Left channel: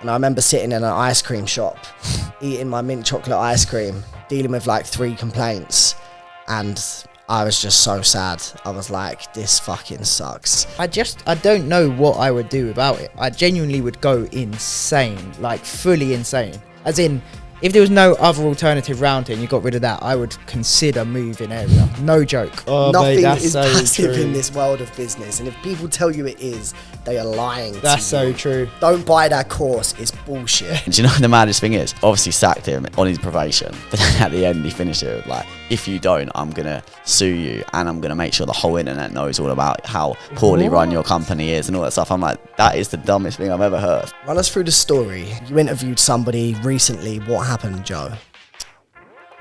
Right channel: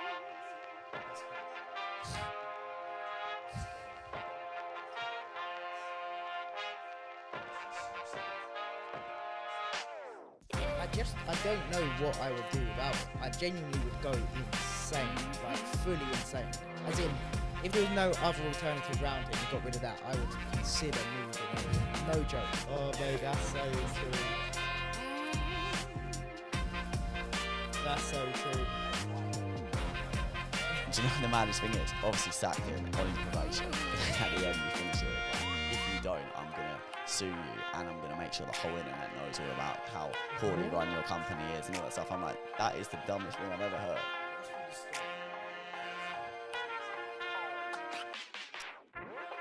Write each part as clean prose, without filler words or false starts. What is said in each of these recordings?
And I remember sitting in an ice cream shop, eating my mint chocolate ice cream, dealing with like 3 complaints, and I was just so sad. I was like, this fucking sucks. I don't know what I would do about it. I genuinely would go insane, like fully insane. As in, if there was no other alternative round here and you got rid of that, I would consider moving area. No joke. Oh, Nothing mate, that's is so passive true. in this world of business. And if people tell you it is, they are lying to That's you. so true. Don't buy that course. It's bullshit. Do you know what the maddest thing is? Obviously sacked him on his probation, but then at the end he finished it with like, if you don't, I'm gonna sue you and I'm gonna make sure the whole internet knows all about how poorly run your company is and all that stuff. I'm like, that is the dumbest thing I've ever heard. Run us through the story. You interviewed somebody recently. What happened, Joe?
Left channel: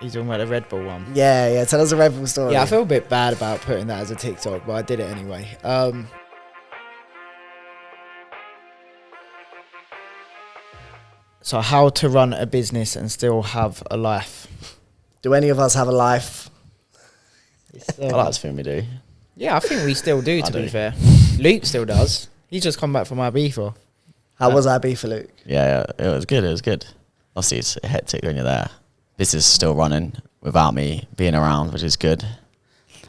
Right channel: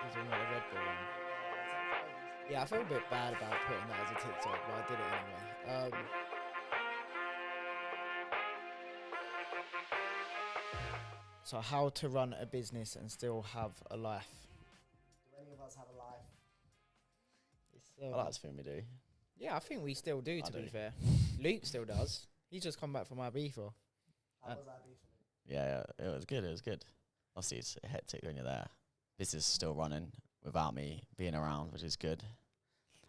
He's talking about the Red Bull one. Yeah. Tell us a Red Bull story. Yeah, I feel a bit bad about putting that as a TikTok, but I did it anyway. So how to run a business and still have a life. Do any of us have a life? I like to think we do. Yeah, I think we still do, to be fair. Luke still does. He's just come back from Ibiza. How was IB for Luke? Yeah, it was good. Obviously, it's hectic when you're there. Business is still running without me being around, which is good.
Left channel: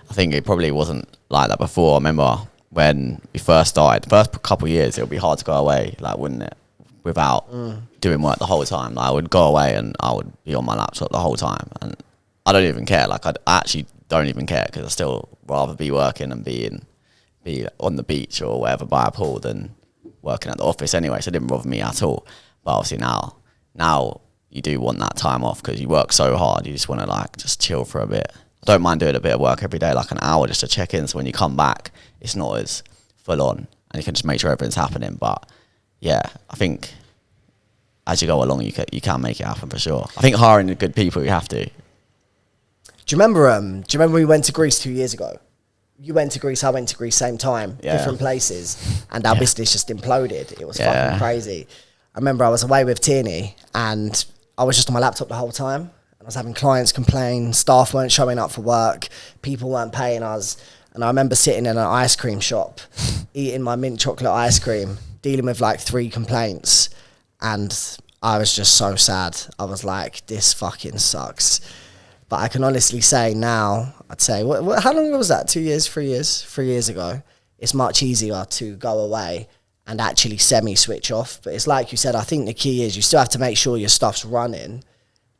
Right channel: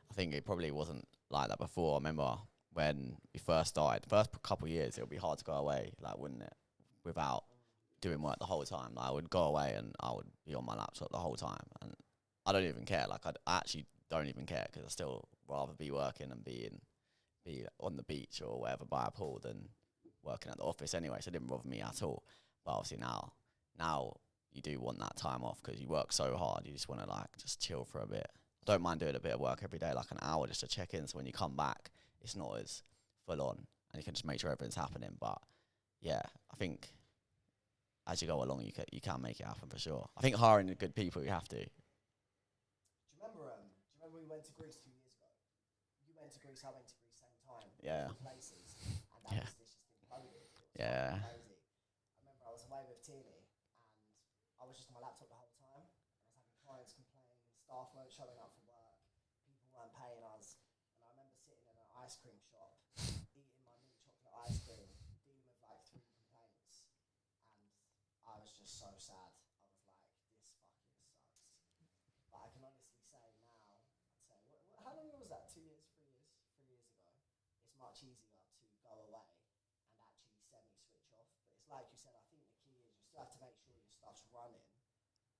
I think it probably wasn't like that before. I remember when we first started, the first couple of years, it would be hard to go away, like, wouldn't it? Without doing work the whole time. Like, I would go away and I would be on my laptop the whole time. And I don't even care. Like, I actually don't even care because I still rather be working and be on the beach or wherever by a pool than working at the office anyway. So it didn't bother me at all. But obviously now you do want that time off because you work so hard. You just want to like just chill for a bit. I don't mind doing a bit of work every day, like an hour just to check in. So when you come back, it's not as full on and you can just make sure everything's happening. But yeah, I think as you go along, you can make it happen for sure. I think hiring the good people, you have to. Do you remember we went to Greece 2 years ago? You went to Greece, I went to Greece, same time, different places, and our business just imploded. It was fucking crazy. I remember I was away with Tierney, and I was just on my laptop the whole time. And I was having clients complain, staff weren't showing up for work, people weren't paying us. And I remember sitting in an ice cream shop, eating my mint chocolate ice cream, dealing with like 3 complaints, and I was just so sad. I was like, this fucking sucks. But I can honestly say now, I'd say, how long was that? 2 years, 3 years? 3 years ago. It's much easier to go away and actually semi-switch off. But it's like you said, I think the key is you still have to make sure your stuff's running,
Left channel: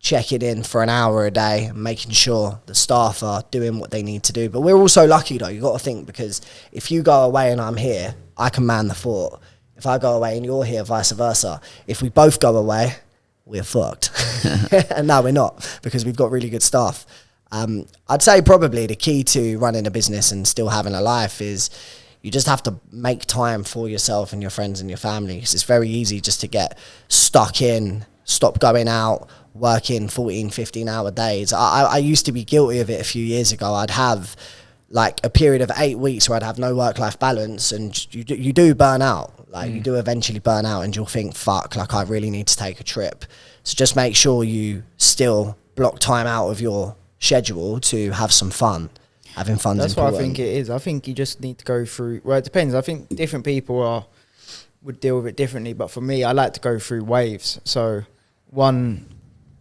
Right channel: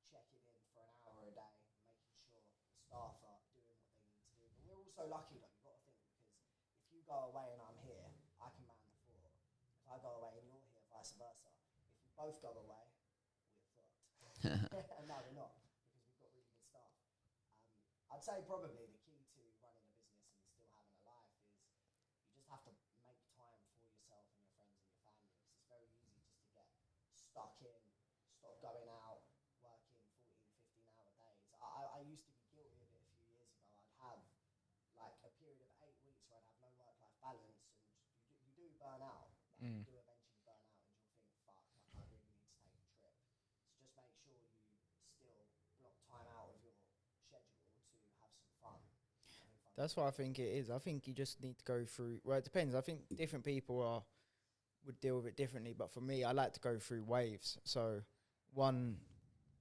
check it in for an hour a day, making sure the staff are doing what they need to do. But we're also lucky, though. You've got to think, because if you go away and I'm here, I can man the fort. If I go away and you're here, vice versa. If we both go away, we're fucked. And no, we're not, because we've got really good staff. I'd say probably the key to running a business and still having a life is you just have to make time for yourself and your friends and your family. 'Cause it's very easy just to get stuck in, stop going out, working 14, 15-hour days. I used to be guilty of it a few years ago. I'd have like a period of 8 weeks where I'd have no work-life balance, and you do burn out. Like you do eventually burn out and you'll think, fuck, like I really need to take a trip. So just make sure you still block time out of your schedule to have some fun. Having fun is important. That's what I think it is. I think you just need to go through, well, it depends. I think different people would deal with it differently. But for me, I like to go through waves. So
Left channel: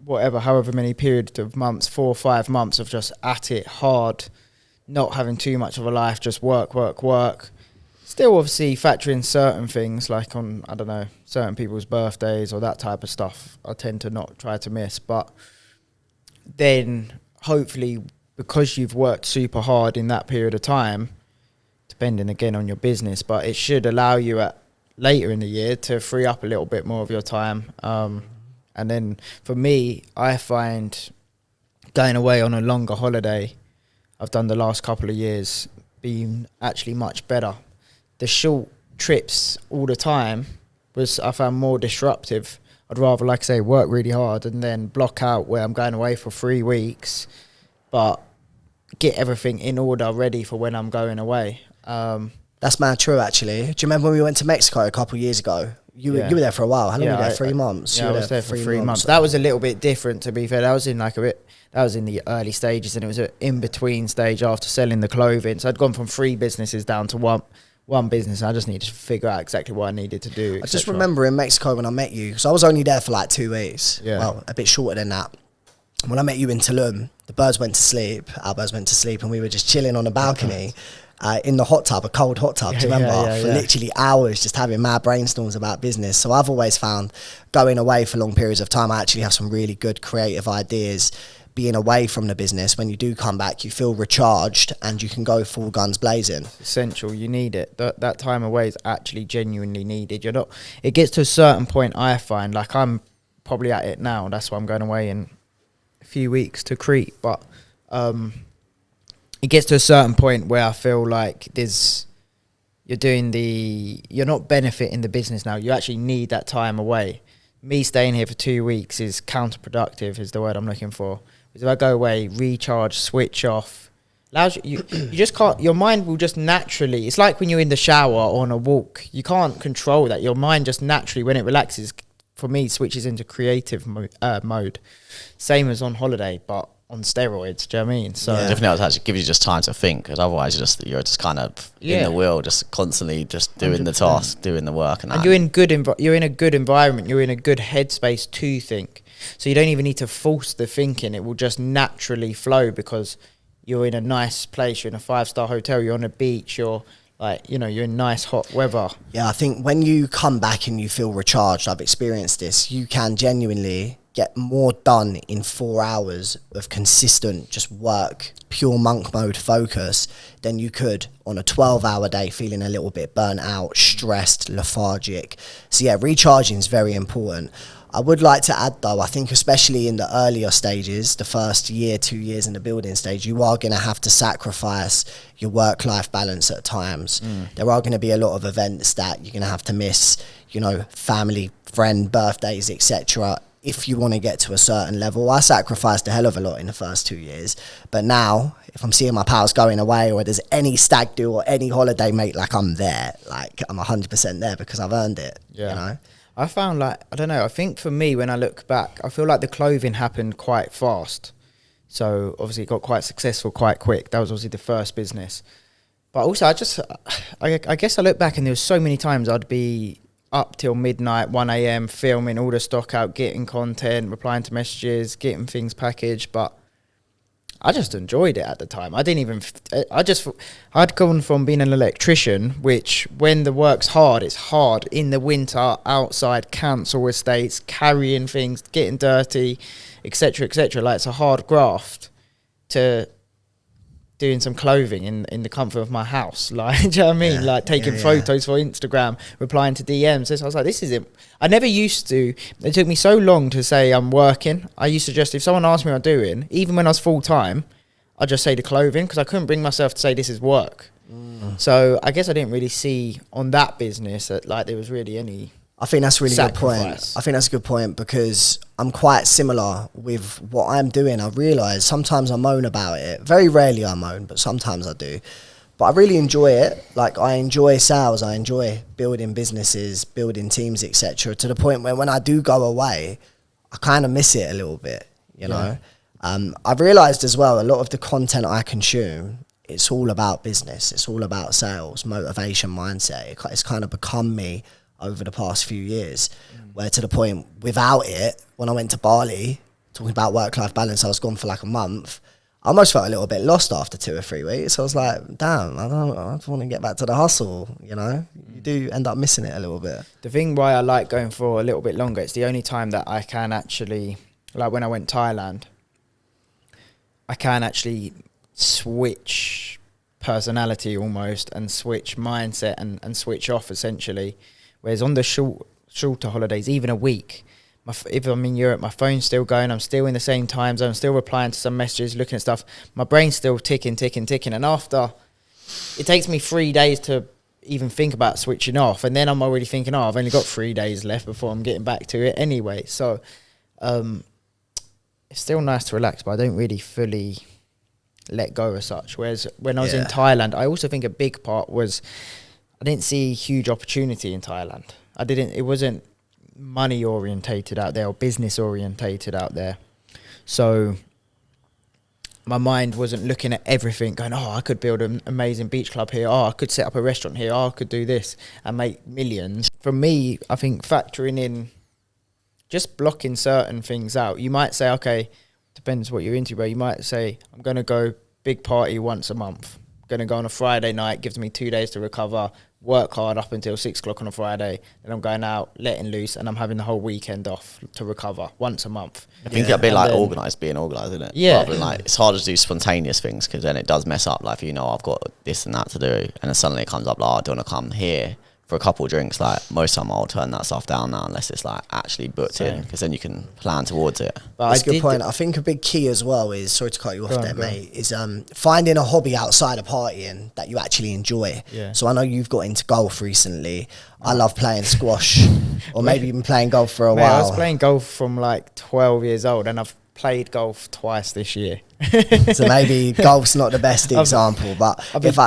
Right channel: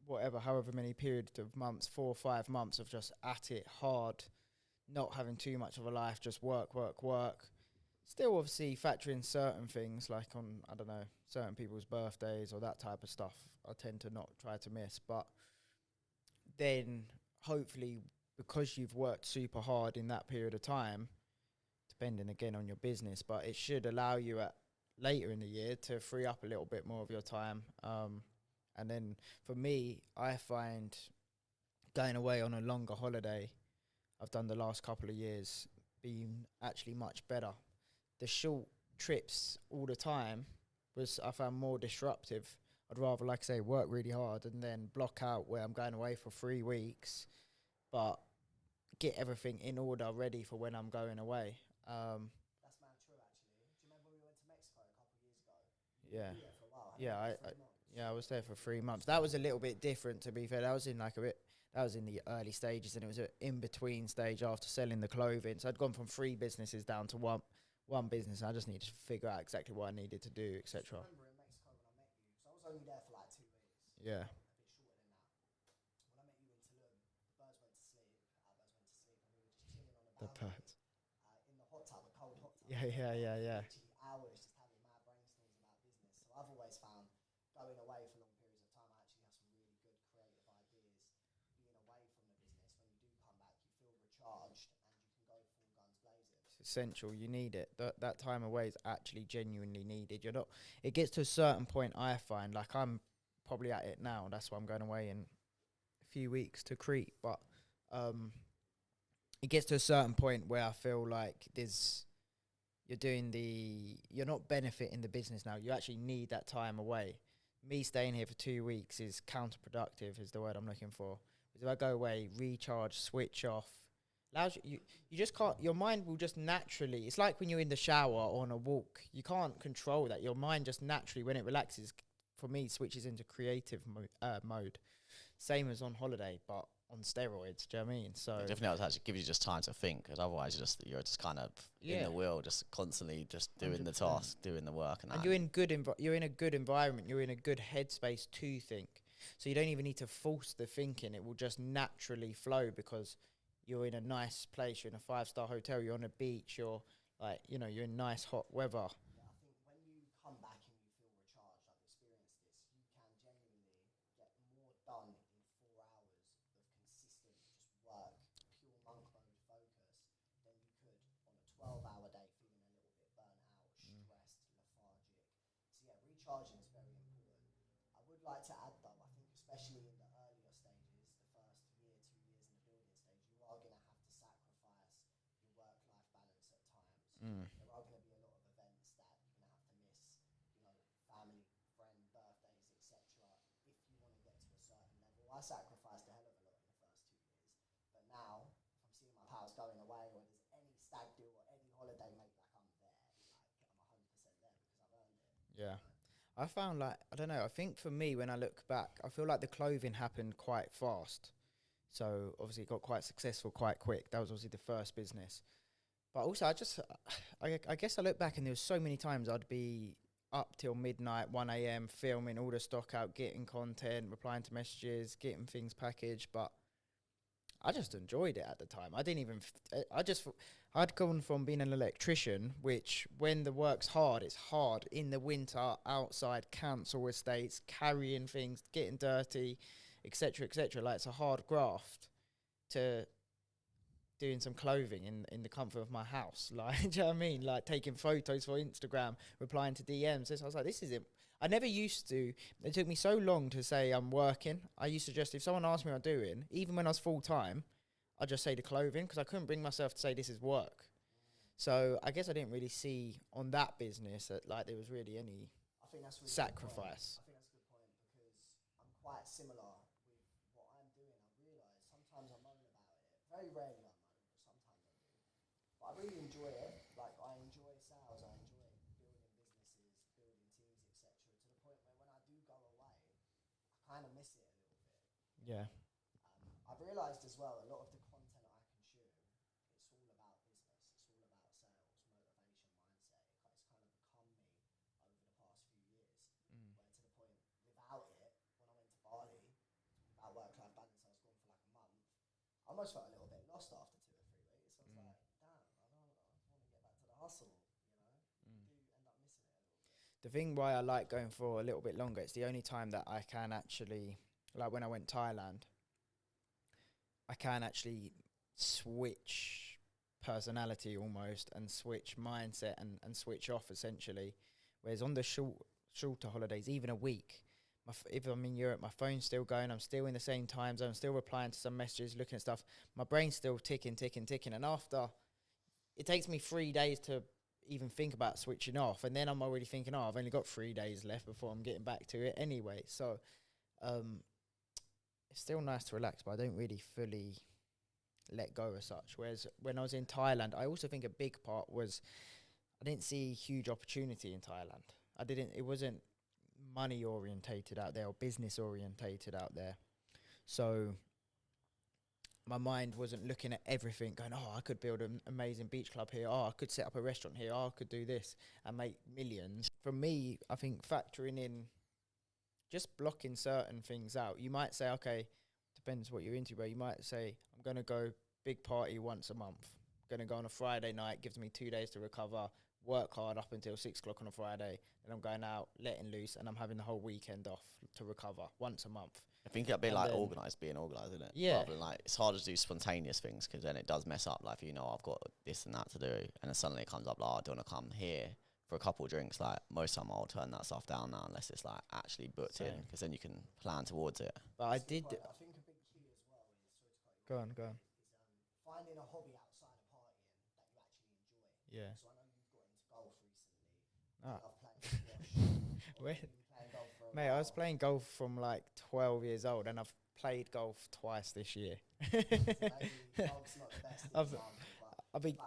however many periods of months, 4 or 5 months of just at it hard, not having too much of a life, just work. Still obviously factor in certain things like on, I don't know, certain people's birthdays or that type of stuff. I tend to not try to miss. But then hopefully because you've worked super hard in that period of time, depending again on your business, but it should allow you later in the year to free up a little bit more of your time. And then for me, I find going away on a longer holiday, I've done the last couple of years, been actually much better. The short trips all the time I found more disruptive. I'd rather, like I say, work really hard and then block out where I'm going away for 3 weeks, but get everything in order, ready for when I'm going away. That's mad true, actually. Do you remember when we went to Mexico a couple of years ago? You were there for a while. How long were you there? 3 months? Yeah, I was there for 3 months. That was a little bit different, to be fair. That was in the early stages, and it was an in-between stage after selling the clothing. So I'd gone from 3 businesses down to one one business. I just needed to figure out exactly what I needed to do. I just remember in Mexico when I met you, because I was only there for like 2 weeks. Yeah. Well, a bit shorter than that. When I met you in Tulum, the birds went to sleep, our birds went to sleep, and we were just chilling on a balcony in the hot tub, a cold hot tub, do you remember? For literally hours, just having mad brainstorms about business. So I've always found going away for long periods of time, I actually have some really good creative ideas. Being away from the business, when you do come back, you feel recharged and you can go full guns blazing. Essential, you need it. That time away is actually genuinely needed. You're not. It gets to a certain point, I find, like I'm probably at it now. That's why I'm going away in a few weeks to Crete. But it gets to a certain point where I feel like you're not benefiting the business now. You actually need that time away. Me staying here for 2 weeks is counterproductive, is the word I'm looking for. Because if I go away, recharge, switch off, allows you just can't, your mind will just naturally, it's like when you're in the shower or on a walk, you can't control that. Your mind just naturally, when it relaxes, for me, switches into creative mode. Same as on holiday, but on steroids, do you know what I mean? So definitely, it actually gives you just time to think, because otherwise you're just kind of in the wheel, just constantly just doing 100%. The task, doing the work, and you're in a good environment, you're in a good headspace to think. So you don't even need to force the thinking; it will just naturally flow because you're in a nice place. You're in a 5-star hotel. You're on a beach. You're you're in nice hot weather. Yeah, I think when you come back and you feel recharged, I've experienced this. You can genuinely get more done in 4 hours of consistent just work, pure monk mode focus than you could on a 12-hour day feeling a little bit burnt out, stressed, lethargic. So yeah, recharging is very important. I would like to add though, I think especially in the earlier stages, the first year, 2 years in the building stage, you are going to have to sacrifice your work-life balance at times. There are going to be a lot of events that you're going to have to miss, family, friend, birthdays, etc. If you want to get to a certain level. I sacrificed a hell of a lot in the first 2 years. But now, if I'm seeing my pals going away or there's any stag do or any holiday, mate, like I'm there. Like I'm 100% there because I've earned it, I found I don't know, I think for me, when I look back, I feel like the clothing happened quite fast. So obviously it got quite successful quite quick. That was obviously the first business. But also I guess I look back and there was so many times I'd be up till midnight, 1 a.m, filming all the stock out, getting content, replying to messages, getting things packaged. But I just enjoyed it at the time. I'd gone from being an electrician, which when the work's hard, it's hard in the winter, outside, council estates, carrying things, getting dirty, etc., etc. Like it's a hard graft, to doing some clothing in the comfort of my house. Like, do you know what I mean? Like taking photos for Instagram, replying to DMs. So I was like, this is it. I never used to. It took me so long to say I'm working. I used to just, if someone asked me what I'm doing, even when I was full time, I'd just say the clothing because I couldn't bring myself to say this is work. So I guess I didn't really see on that business that like there was really any I think that's a really good point. sacrifice. I think that's a good point because I'm quite similar with what I'm doing. I realise sometimes I moan about it. Very rarely I moan, but sometimes I do. But I really enjoy it. Like I enjoy sales. I enjoy building businesses, building teams, etc. To the point where when I do go away, I kind of miss it a little bit, you know. I've realised as well, a lot of the content I consume, it's all about business. It's all about sales, motivation, mindset. It's kind of become me over the past few years, where to the point without it, when I went to Bali, talking about work-life balance, I was gone for like a month. I almost felt a little bit lost after 2 or 3 weeks. I was like, damn, I don't want to get back to the hustle, you know? You do end up missing it a little bit. The thing why I like going for a little bit longer, it's the only time that I can actually, like when I went Thailand, I can actually switch personality almost and switch mindset and switch off essentially. Whereas on the shorter holidays, even a week, if I'm in Europe, my phone's still going, I'm still in the same time zone, I'm still replying to some messages, looking at stuff, my brain's still ticking. And after, it takes me 3 days to even think about switching off. And then I'm already thinking, I've only got 3 days left before I'm getting back to it anyway. So it's still nice to relax, but I don't really fully let go as such. Whereas when I was in Thailand, I also think a big part was I didn't see huge opportunity in Thailand. It wasn't money orientated out there or business orientated out there. So my mind wasn't looking at everything going, oh, I could build an amazing beach club here. Oh, I could set up a restaurant here. Oh, I could do this and make millions. For me, I think factoring in, just blocking certain things out. You might say, okay, depends what you're into, but you might say, I'm going to go big party once a month. I'm going to go on a Friday night, gives me 2 days to recover, work hard up until 6 o'clock on a Friday. Then I'm going out, letting loose, and I'm having the whole weekend off to recover once a month. I think it'd be like being organised, isn't it? Yeah. Rather than like, it's harder to do spontaneous things because then it does mess up. Like, if I've got this and that to do, and then suddenly it comes up, like, I don't want to come here for a couple of drinks. Like, most of the time I'll turn that stuff down now unless it's like actually booked in, because then you can plan towards it. But that's a good point. I think a big key as well is, sorry to cut you off there, mate, is finding a hobby outside of partying that you actually enjoy. Yeah. So I know you've got into golf recently. I love playing squash, or maybe even playing golf for a while. I was playing golf from like 12 years old, and I've played golf twice this year. So maybe golf's not the best example, but if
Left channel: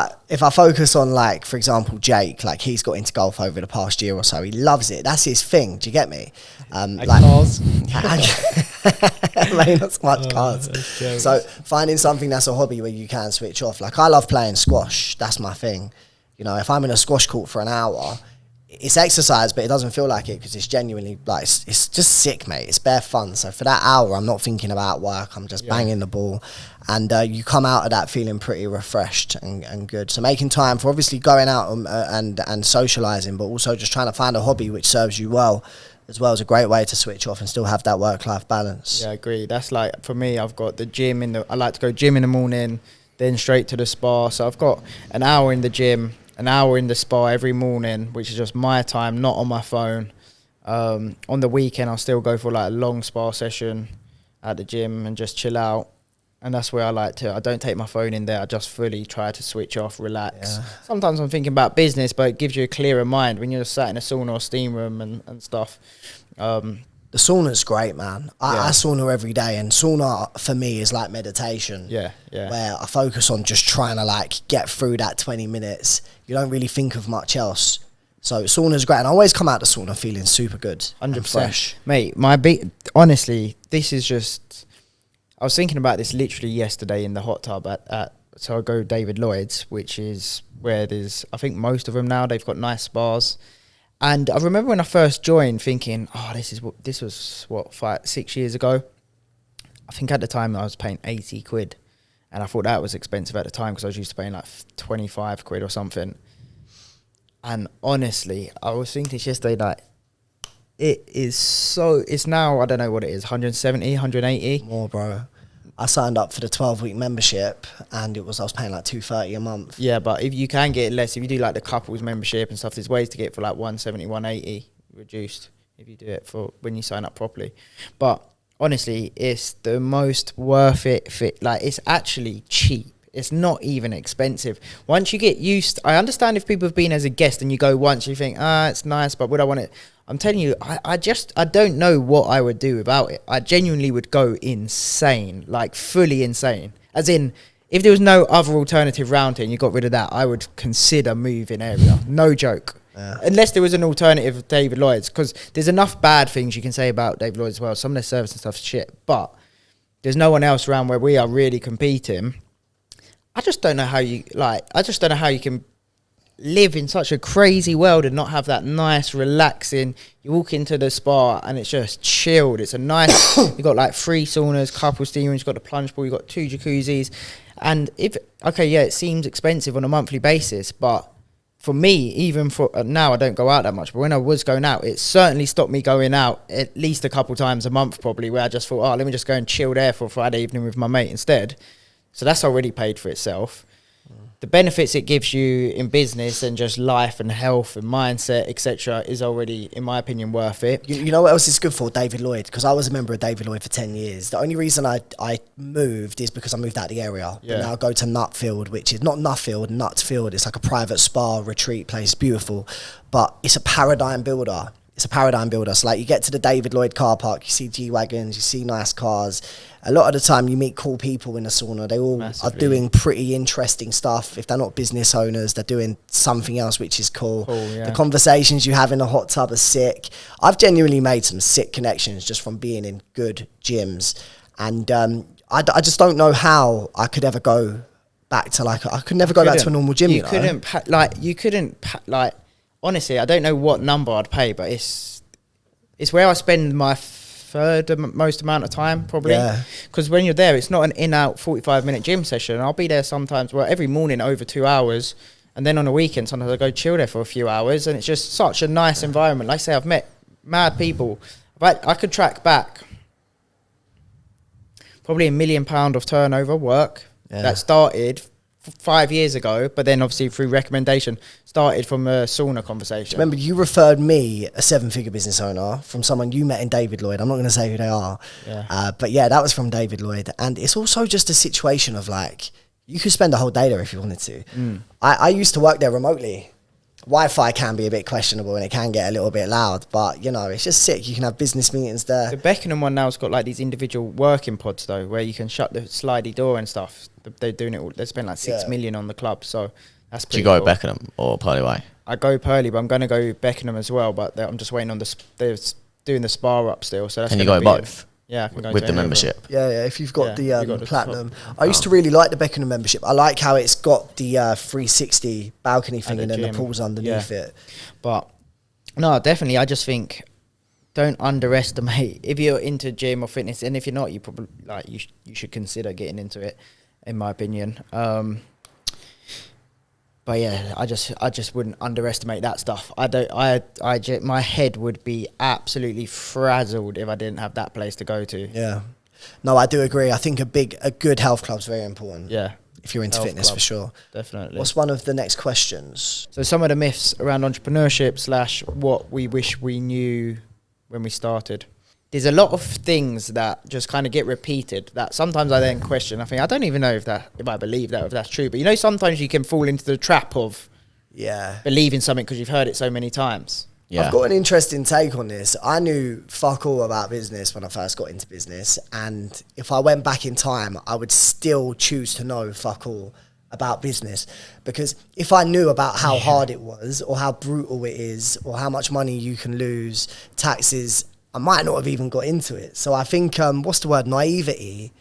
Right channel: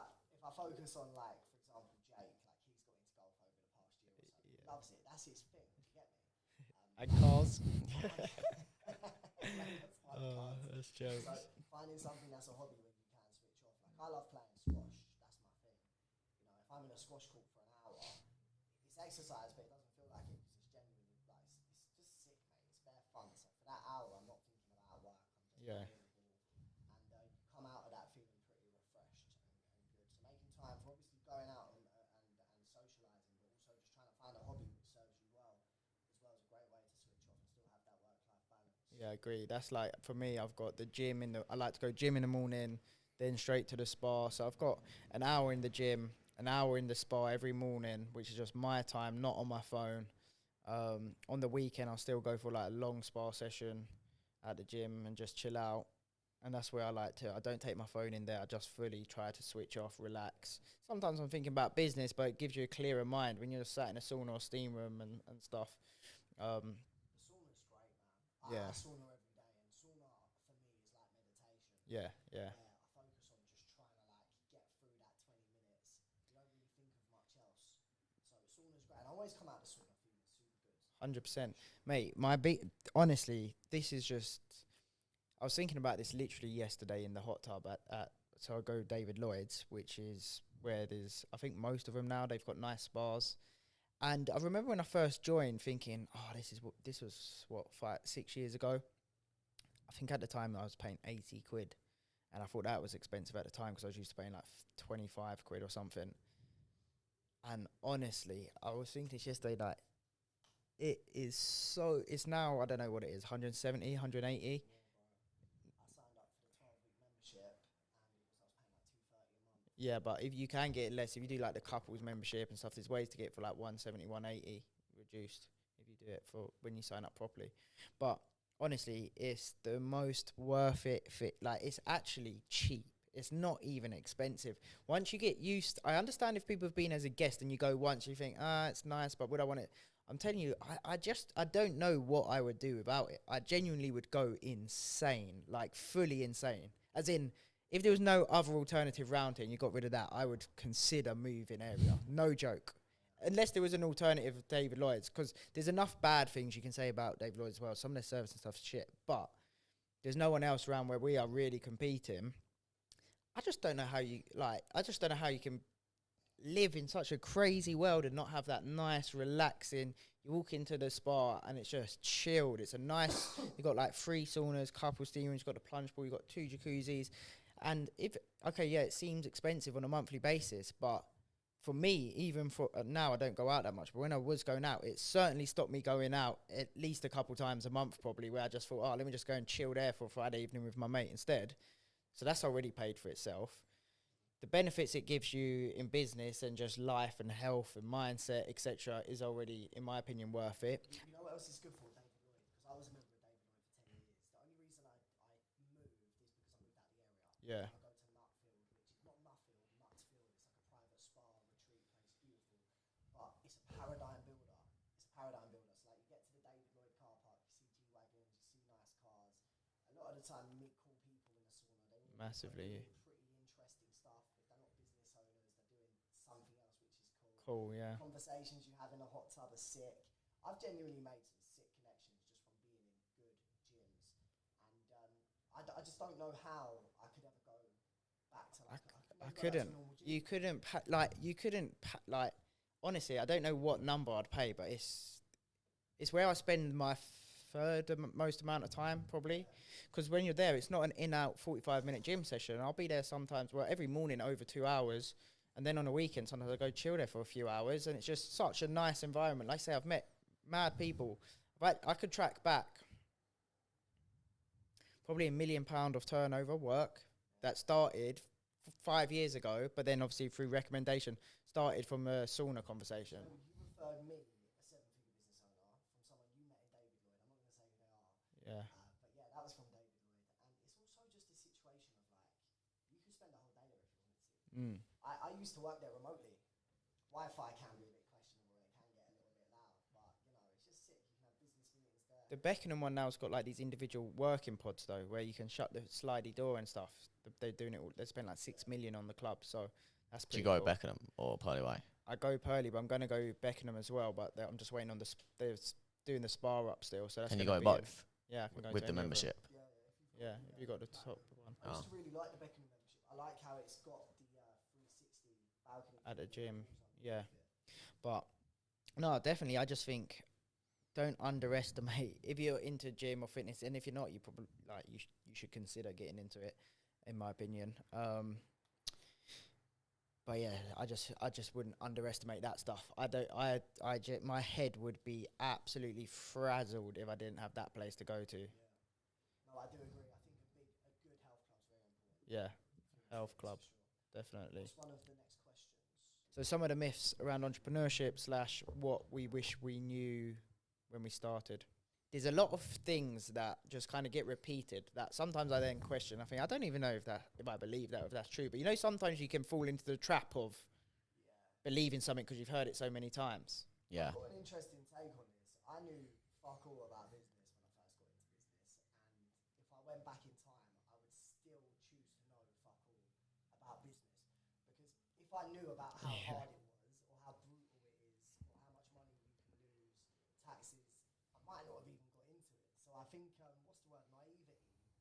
I focus on, like, for example, Jake, like, he's got into golf over the past year or so. He loves it. That's his thing. Do you get me? Cars. Maybe not so much cars. So finding something that's a hobby where you can switch off. Like, I love playing squash. That's my thing. If I'm in a squash court for an hour, it's exercise, but it doesn't feel like it because it's genuinely, like, it's just sick, mate. It's bare fun. So for that hour, I'm not thinking about work. I'm just banging the ball. And you come out of that feeling pretty refreshed and good. So making time for obviously going out and socialising, but also just trying to find a hobby which serves you well as well, is a great way to switch off and still have that work-life balance. Yeah, I agree. That's like, for me, I've got the gym I like to go gym in the morning, then straight to the spa. So I've got an hour in the gym, an hour in the spa every morning, which is just my time, not on my phone. On the weekend, I'll still go for like a long spa session at the gym and just chill out. And that's where I don't take my phone in there. I just fully try to switch off, relax. Yeah. Sometimes I'm thinking about business, but it gives you a clearer mind when you're sat in a sauna or steam room and stuff. The sauna's great, man. I sauna every day, and sauna for me is like meditation. Yeah. Where I focus on just trying to, like, get through that 20 minutes. You don't really think of much else. So sauna's great, and I always come out the sauna feeling super good, 100%. And fresh. Mate, honestly, this is just... I was thinking about this literally yesterday in the hot tub so I go David Lloyd's, which is where there's, I think most of them now, they've got nice spas. And I remember when I first joined thinking, this was 6 years ago. I think at the time I was paying 80 quid. And I thought that was expensive at the time because I was used to paying like 25 quid or something. And honestly, I was thinking this yesterday, like, it's now, I don't know what it is, 170, 180. More, bro. I signed up for the 12-week membership, and I was paying like $230 a month. Yeah, but if you can get it less, if you do like the couples membership and stuff, there's ways to get it for like 170, 180 reduced if you do it for when you sign up properly. But honestly, it's the most worth it fit. Like, it's actually cheap. It's not even expensive. Once you get used, I understand if people have been as a guest and you go once, you think, it's nice, but would I want it? I'm telling you, I don't know what I would do about it. I genuinely would go insane, like fully insane. As in, if there was no other alternative round here and you got rid of that, I would consider moving area. No joke. Yeah. Unless there was an alternative of David Lloyd's, because there's enough bad things you can say about David Lloyd's as well. Some of their service and stuff's shit, but there's no one else around where we are really competing. I just don't know how you can live in such a crazy world and not have that nice, relaxing. You walk into the spa and it's just chilled. It's a nice. You've got like 3 saunas, couple steam rooms. You've got the plunge pool. You've got 2 jacuzzis. And it seems expensive on a monthly basis, but for me, even for now, I don't go out that much. But when I was going out, it certainly stopped me going out at least a couple times a month, probably, where I just thought, let me just go and chill there for a Friday evening with my mate instead. So that's already paid for itself. The benefits it gives you in business and just life and health and mindset, etc., is already, in my opinion, worth it. You know what else is good for? David Lloyd, because I was a member of David Lloyd for 10 years. The only reason I moved is because I moved out of the area. Yeah. But now I go to Nutfield, which is not Nutfield. It's like a private spa retreat place, beautiful. But it's a paradigm builder. So like, you get to the David Lloyd car park, you see G-Wagons, you see nice cars. A lot of the time you meet cool people in the sauna. They all are doing pretty interesting stuff. If they're not business owners, they're doing something else which is cool. Yeah. The conversations you have in the hot tub are sick. I've genuinely made some sick connections just from being in good gyms. And I just don't know how I could ever go back to I could never go back to a normal gym. You couldn't honestly, I don't know what number I'd pay, but it's where I spend my third most amount of time probably. Because when you're there, it's not an in-out 45-minute gym session. I'll be there sometimes, every morning over 2 hours, and then on a weekend sometimes I go chill there for a few hours, and it's just such a nice environment. Like I say, I've met mad people. But I could track back probably £1 million of turnover work that started 5 years ago, but then obviously through recommendation started from a sauna conversation. Remember, you referred me, a 7-figure business owner, from someone you met in David Lloyd. I'm not going to say who they are. But yeah, that was from David Lloyd. And it's also just a situation of you could spend a whole day there if you wanted to. I used to work there remotely. Wi-Fi can be a bit questionable and it can get a little bit loud, but it's just sick. You can have business meetings there. The Beckenham one now has got these individual working pods though, where you can shut the slidey door and stuff. They're doing it all. They spent 6 million on the club, so that's pretty cool. Do you go Beckenham or Pearly Way? I go Pearly, but I'm going to go Beckenham as well, but I'm just waiting on they're doing the spa up still. So that's can you go both? Yeah, I can go with the membership. Yeah, if you've got the platinum. I used to really like the Beckenham membership. I like how it's got the 360 balcony thing and then the pools underneath it. But no, definitely. I just think don't underestimate if you're into gym or fitness, and if you're not, you probably you should consider getting into it, in my opinion. But yeah, I just wouldn't underestimate that stuff. My head would be absolutely frazzled if I didn't have that place to go to. Yeah. No, I do agree. I think a good health club's very important. Yeah. If you're into fitness, for sure. Definitely. What's one of the next questions? So some of the myths around entrepreneurship / what we wish we knew when we started. There's a lot of things that just kind of get repeated that sometimes I then question. I think, I don't even know if I believe that, if that's true. But sometimes you can fall into the trap of believing something because you've heard it so many times. Yeah. I've got an interesting take on this. I knew fuck all about business when I first got into business. And if I went back in time, I would still choose to know fuck all about business. Because if I knew about how hard it was or how brutal it is or how much money you can lose, taxes, I might not have even got into it. So I think, naivety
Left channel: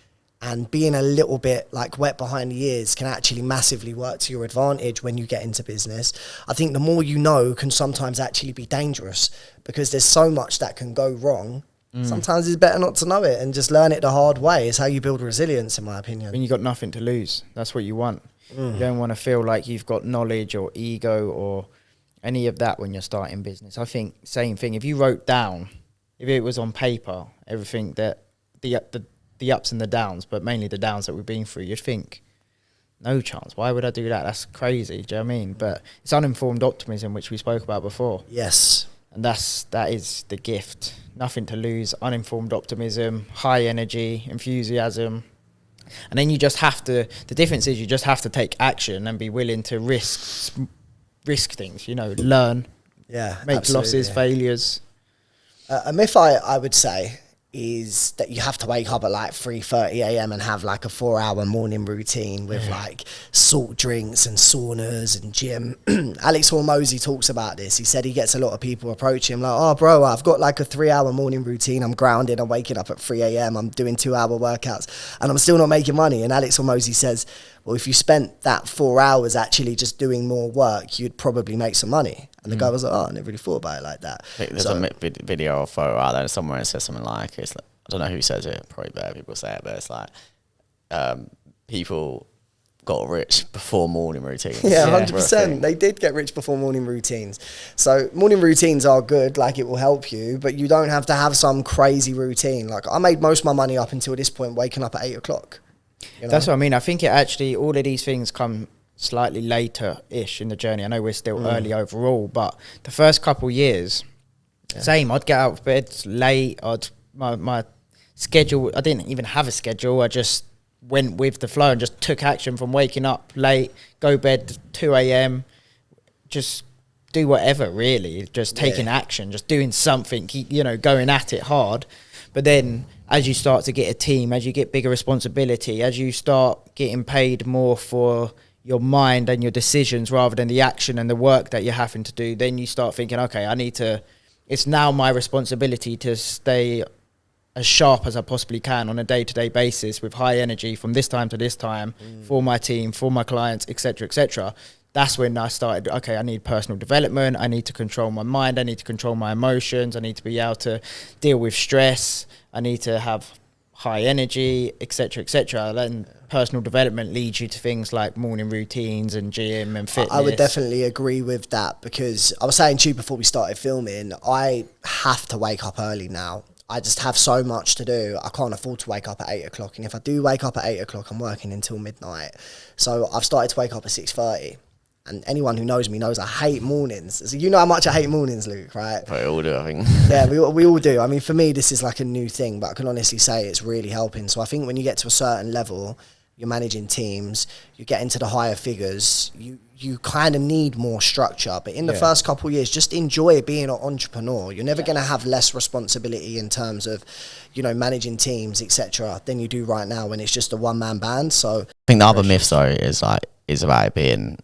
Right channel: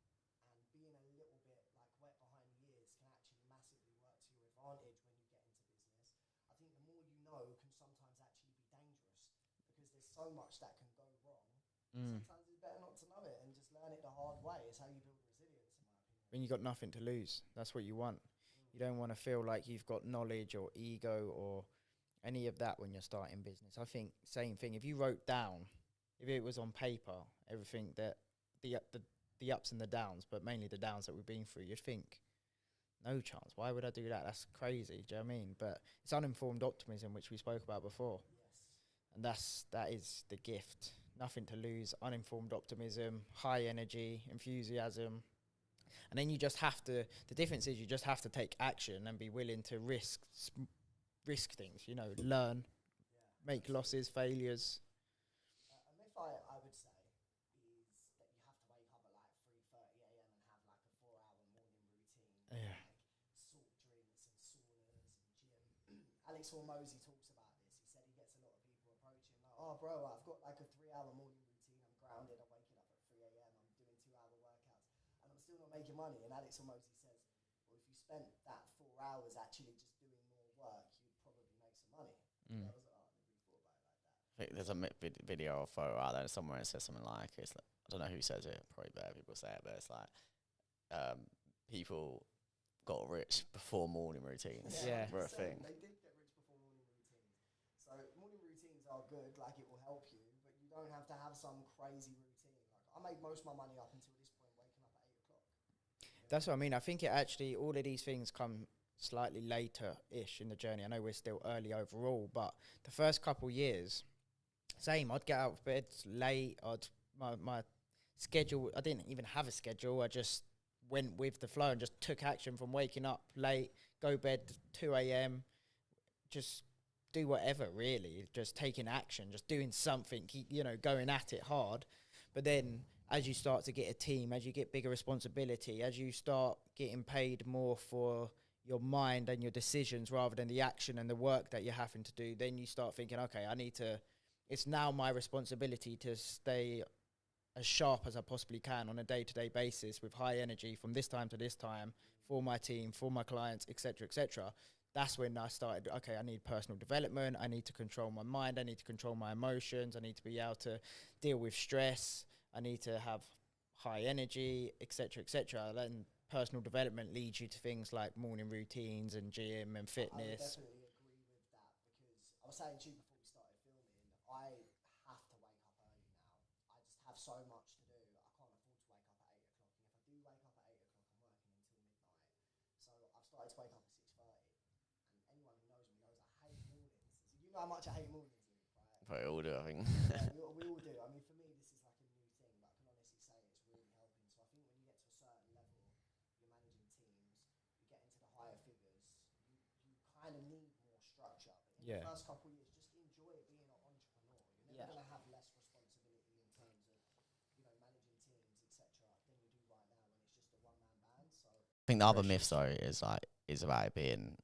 and being a little bit wet behind the ears can actually massively work to your advantage when you get into business. I think the more you know can sometimes actually be dangerous because there's so much that can go wrong. Sometimes it's better not to know it and just learn it the hard way. It's how you build resilience, in my opinion. When you've got nothing to lose, that's what you want. You don't want to feel like you've got knowledge or ego or any of that when you're starting business. I think same thing. If you wrote down, if it was on paper, everything that the ups and the downs, but mainly the downs that we've been through, you'd think, no chance. Why would I do that? That's crazy. Do you know what I mean? But it's uninformed optimism, which we spoke about before. Yes. And that is the gift. Nothing to lose, uninformed optimism, high energy, enthusiasm. And then you just have to, the difference is you just have to take action and be willing to risk things, learn, make losses, failures. A myth I would say is that you have to wake up at 3:30 a.m. and have a 4-hour morning routine with salt drinks and saunas and gym. Alex Hormozy talks about this. He said he gets a lot of people approach him oh bro, I've got a 3-hour morning routine. I'm grounded. I'm waking up at 3 a.m. I'm doing 2-hour workouts and I'm still not making money. And Alex Hormozy says, well, if you spent that 4 hours actually just doing more work, you'd probably make some money. And the guy was I never really thought about it like that. There's a video or photo out there somewhere that says something I don't know who says it, probably better people say it, but it's people got rich before morning routines. Yeah, 100%. They did get rich before morning routines. So morning routines are good, it will help you, but you don't have to have some crazy routine. I made most of my money up until this point, waking up at 8 o'clock. That's what I mean. I think it actually, all of these things come slightly later-ish in the journey. I know we're still early overall, but the first couple years, same. I'd get out of bed late. My schedule, I didn't even have a schedule. I just went with the flow and just took action from waking up late, go bed 2 a.m., just do whatever, really. Just taking action, just doing something, going at it hard. But then as you start to get a team, as you get bigger responsibility, as you start getting paid more for your mind and your decisions rather than the action and the work that you're having to do, then you start thinking, okay, it's now my responsibility to stay as sharp as I possibly can on a day-to-day basis with high energy from this time to this time for my team, for my clients, etc., etc. That's when I started, okay, I need personal development. I need to control my mind. I need to control my emotions. I need to be able to deal with stress. I need to have high energy, etc., etc. Then personal development leads you to things like morning routines and gym and fitness. I would definitely agree with that, because I was saying to you before we started filming, I have to wake up early now. I just have so much to do. I can't afford to wake up at 8 o'clock. And if I do wake up at 8 o'clock, I'm working until midnight. So I've started to wake up at 6:30. And anyone who knows me knows I hate mornings. So you know how much I hate mornings, Luke, right? We all do, I think. Yeah, we all do. I mean, for me, this is like a new thing, but I can honestly say it's really helping. So I think when you get to a certain level, you're managing teams, you get into the higher figures, you kind of need more structure. But in the first couple of years, just enjoy being an entrepreneur. You're never going to have less responsibility in terms of, you know, managing teams, etc., than you do right now when it's just a one-man band. So I think the other myth, though, is about it being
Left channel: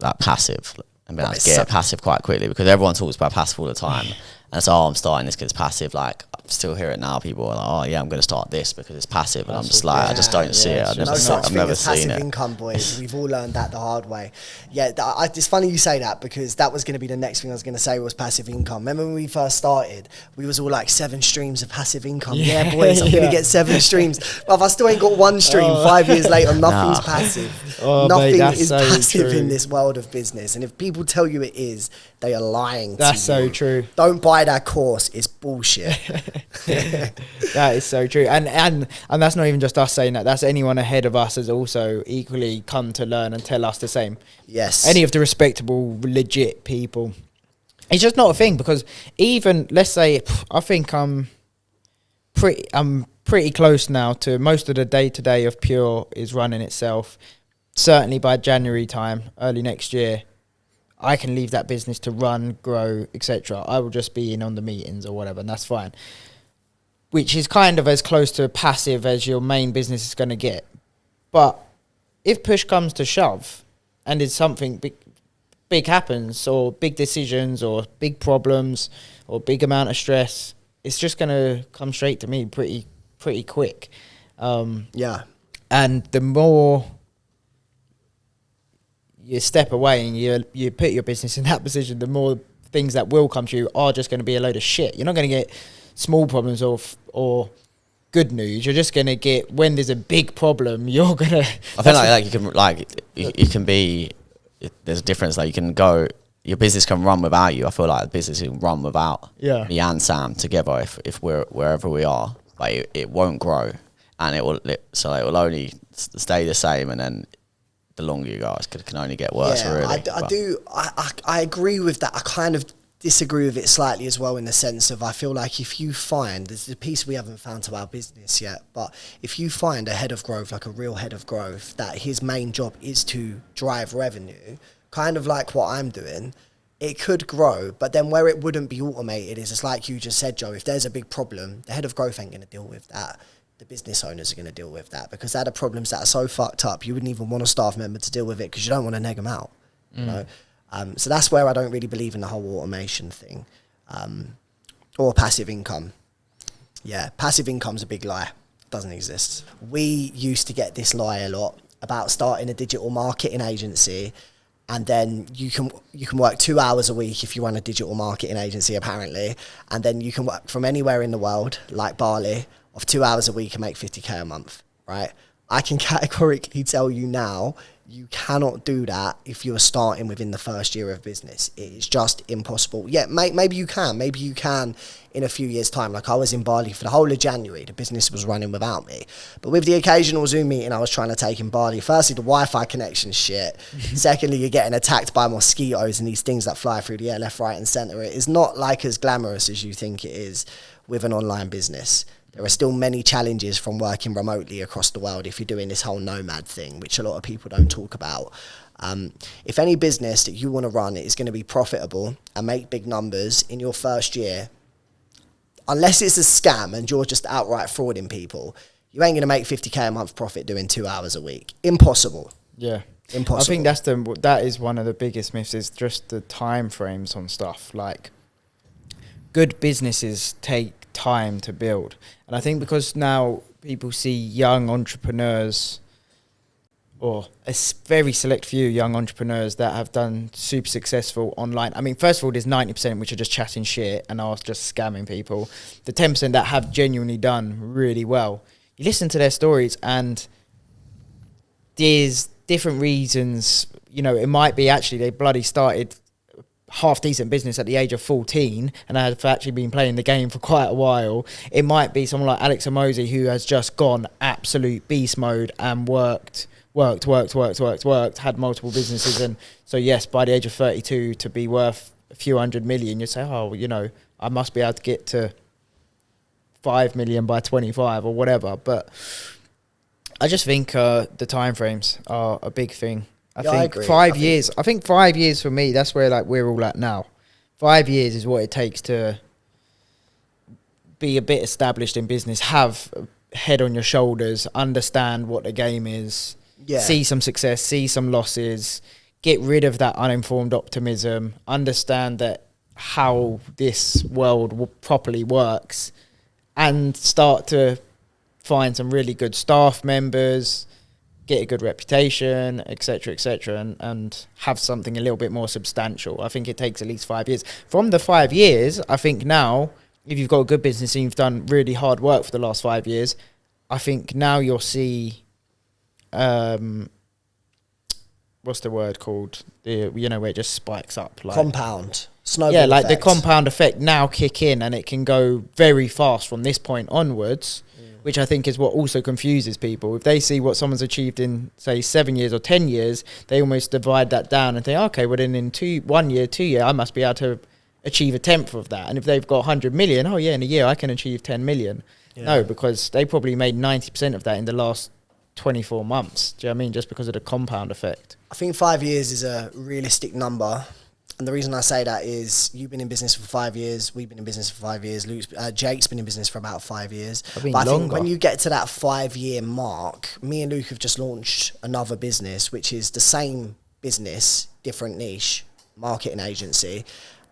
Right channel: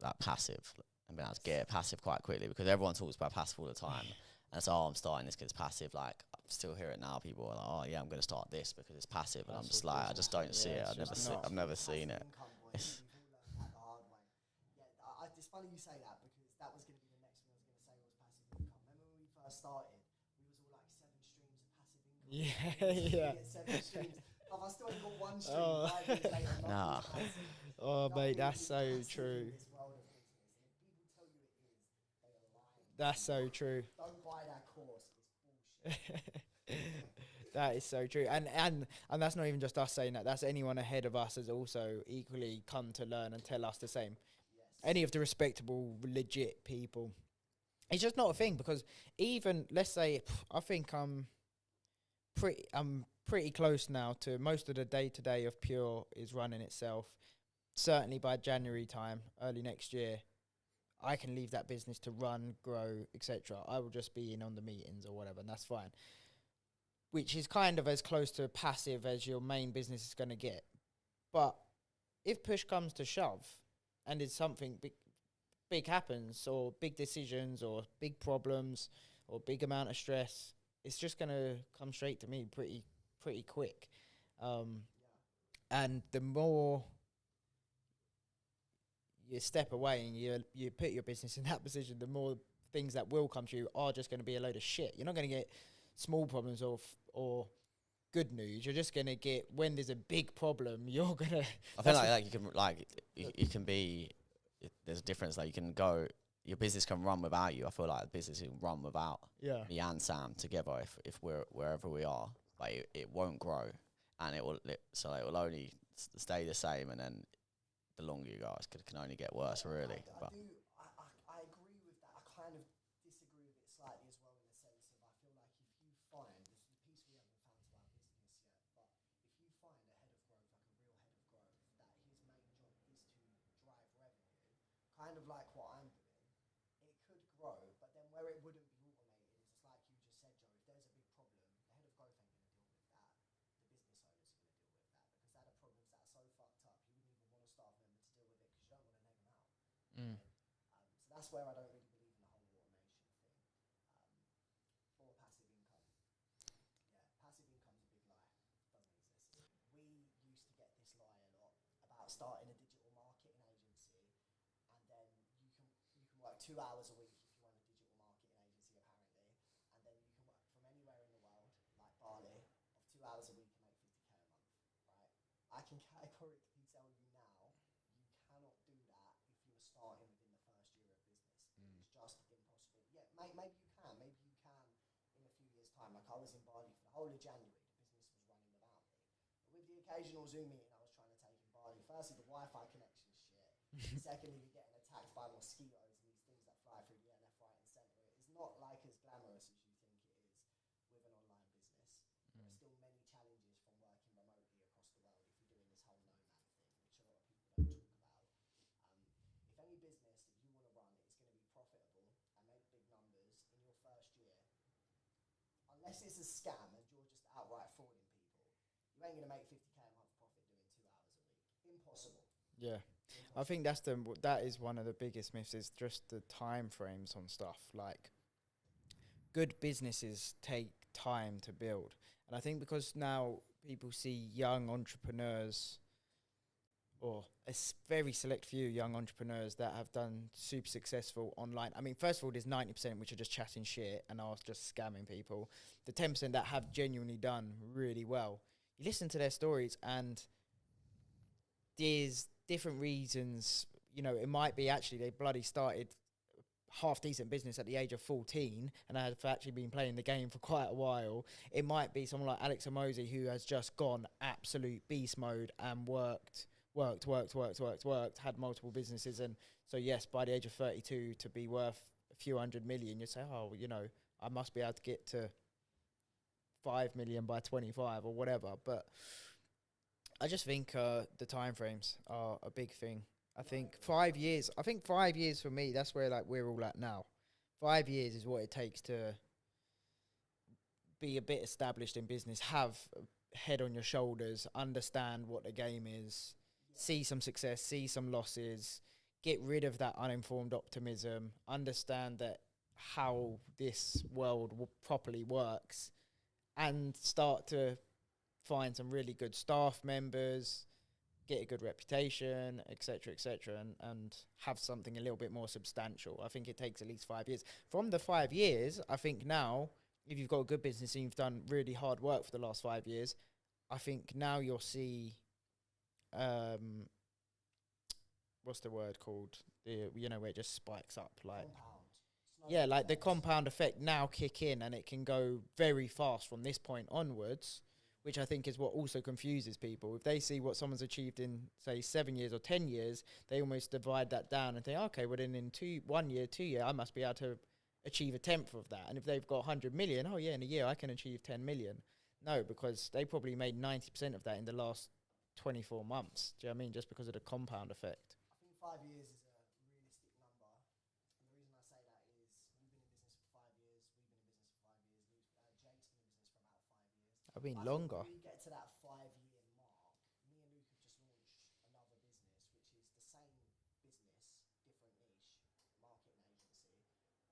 like passive and being able to get passive quite quickly, because everyone talks about passive all the time. And so, I'm starting this because it's passive. Like, I still hear it now. People are like, oh yeah, I'm going to start this because it's passive. And I'm just like, I just don't see it. I've never seen it. Passive income, boys. We've all learned that the hard way. Yeah, it's funny you say that, because that was going to be the next thing I was going to say was passive income. Remember when we first started, we was all like 7 streams of passive income. Yeah, boys, I'm going to get 7 streams. But if I still ain't got 1 stream 5 years later, nothing's passive. Nothing is passive in this world of business. And if people tell you it is, they are lying to you. That's so true. Don't buy that course. It's bullshit. That is so true. And that's not even just us saying that. That's anyone ahead of us has also equally come to learn and tell us the same. Yes. Any of the respectable, legit people. It's just not a thing, because even, let's say, I think I'm pretty close now to most of the day-to-day of Pure is running itself. Certainly by January time, early next year, I can leave that business to run, grow, etc. I will just be in on the meetings or whatever, and that's fine. Which is kind of as close to passive as your main business is going to get. But if push comes to shove, and it's something big happens, or big decisions, or big problems, or big amount of stress, it's just going to come straight to me pretty quick. Yeah. And the more you step away and you put your business in that position, the more things that will come to you are just going to be a load of shit. You're not going to get small problems or good news. You're just going to get, when there's a big problem, you're going to... I feel you can be... There's a difference. Like, you can go... Your business can run without you. I feel like the business can run without me and Sam together if we're wherever we are. But it won't grow. And it will only stay the same, and then the longer you go, it can only get worse, really. I agree with that. I kind of disagree with it slightly as well, in the sense of, I feel like if you find, there's a piece we haven't found to our business yet, but if you find a head of growth, like a real head of growth, that his main job is to drive revenue, kind of like what I'm doing, it could grow. But then where it wouldn't be automated is, it's like you just said, Joe, if there's a big problem, the head of growth ain't going to deal with that. The business owners are going to deal with that, because they're the problems that are so fucked up, you wouldn't even want a staff member to deal with it, because you don't want to neg them out. You know? So that's where I don't really believe in the whole automation thing, or passive income. Yeah, passive income's a big lie. It doesn't exist. We used to get this lie a lot about starting a digital marketing agency, and then you can work 2 hours a week if you run a digital marketing agency, apparently, and then you can work from anywhere in the world, like Bali, of 2 hours a week and make 50k a month, right? I can categorically tell you now, you cannot do that if you're starting within the first year of business. It is just impossible. Yeah, maybe you can. Maybe you can in a few years' time. Like, I was in Bali for the whole of January. The business was running without me. But with the occasional Zoom meeting I was trying to take in Bali, firstly, the Wi-Fi connection's shit. Secondly, you're getting attacked by mosquitoes and these things that fly through the air, left, right, and centre. It is not like as glamorous as you think it is with an online business. There are still many challenges from working remotely across the world if you're doing this whole nomad thing, which a lot of people don't talk about. If any business that you want to run is going to be profitable and make big numbers in your first year, unless it's a scam and you're just outright frauding people, you ain't going to make 50k a month profit doing 2 hours a week. Impossible. Yeah. Impossible. I think that is one of the biggest myths, is just the time frames on stuff. Like, good businesses take time to build. And I think because now people see young entrepreneurs, or a very select few young entrepreneurs that have done super successful online. I mean, first of all, there's 90% which are just chatting shit and are just scamming people. The 10% that have genuinely done really well, you listen to their stories and there's different reasons. You know, it might be actually they bloody started half decent business at the age of 14 and have actually been playing the game for quite a while. It might be someone like Alex Amosi who has just gone absolute beast mode and worked, had multiple businesses. And so, yes, by the age of 32, to be worth a few 100 million, you say, oh, you know, I must be able to get to 5 million by 25 or whatever. But I just think the timeframes are a big thing. I think 5 years. I think 5 years for me, that's where like we're all at now. 5 years is what it takes to be a bit established in business, have a head on your shoulders, understand what the game is, see some success, see some losses, get rid of that uninformed optimism, understand that how this world properly works, and start to find some really good staff members, get a good reputation, etc., and have something a little bit more substantial. I think it takes at least 5 years. From the 5 years, I think now, if you've got a good business and you've done really hard work for the last 5 years, I think now you'll see, what's the word called? You know, where it just spikes up. Like compound. Snowball yeah, like effect. the compound effect now kick in and it can go very fast from this point onwards, which I think is what also confuses people. If they see what someone's achieved in, say, 7 years or 10 years, they almost divide that down and think, okay, well then in 1 year, 2 years, I must be able to achieve a tenth of that. And if they've got 100 million, oh yeah, in a year I can achieve 10 million. Yeah. No, because they probably made 90% of that in the last 24 months. Do you know what I mean? Just because of the compound effect. I think 5 years is a realistic number. And the reason I say that is you've been in business for 5 years, we've been in business for 5 years, Jake's been in business for about 5 years. But I think when you get to that 5 year mark, me and Luke have just launched another business, which is the same business, different niche, marketing agency.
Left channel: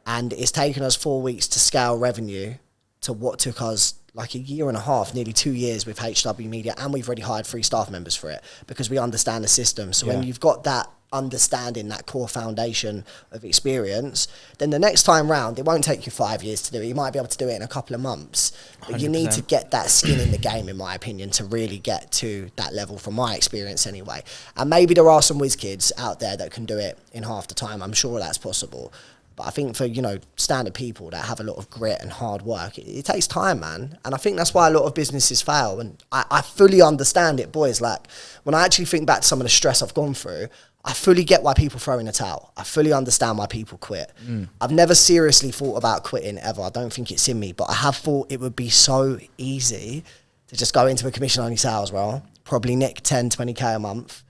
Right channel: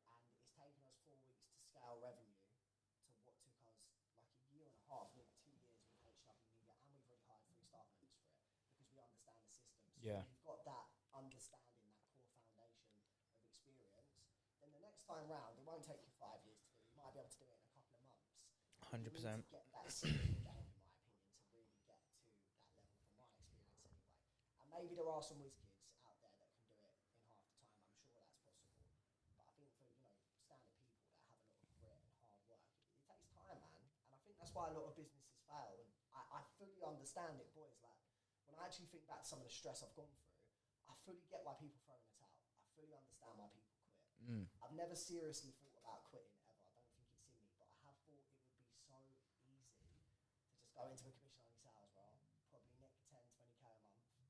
And it's taken us 4 weeks to scale revenue to what took us like a year and a half, nearly 2 years with HW Media. And we've already hired 3 staff members for it because we understand the system. So when you've got that understanding, that core foundation of experience, then the next time round, it won't take you 5 years to do it. You might be able to do it in a couple of months. But 100%. You need to get that skin in the game, in my opinion, to really get to that level, from my experience anyway. And maybe there are some whiz kids out there that can do it in half the time. I'm sure that's possible. But I think for, you know, standard people that have a lot of grit and hard work, it takes time, man. And I think that's why a lot of businesses fail. And I fully understand it, boys. Like, when I actually think back to some of the stress I've gone through, I fully get why people throw in a towel. I fully understand why people quit. I've never seriously thought about quitting ever. I don't think it's in me, but I have thought it would be so easy to just go into a commission-only sales role, probably nick 10, 20K a month,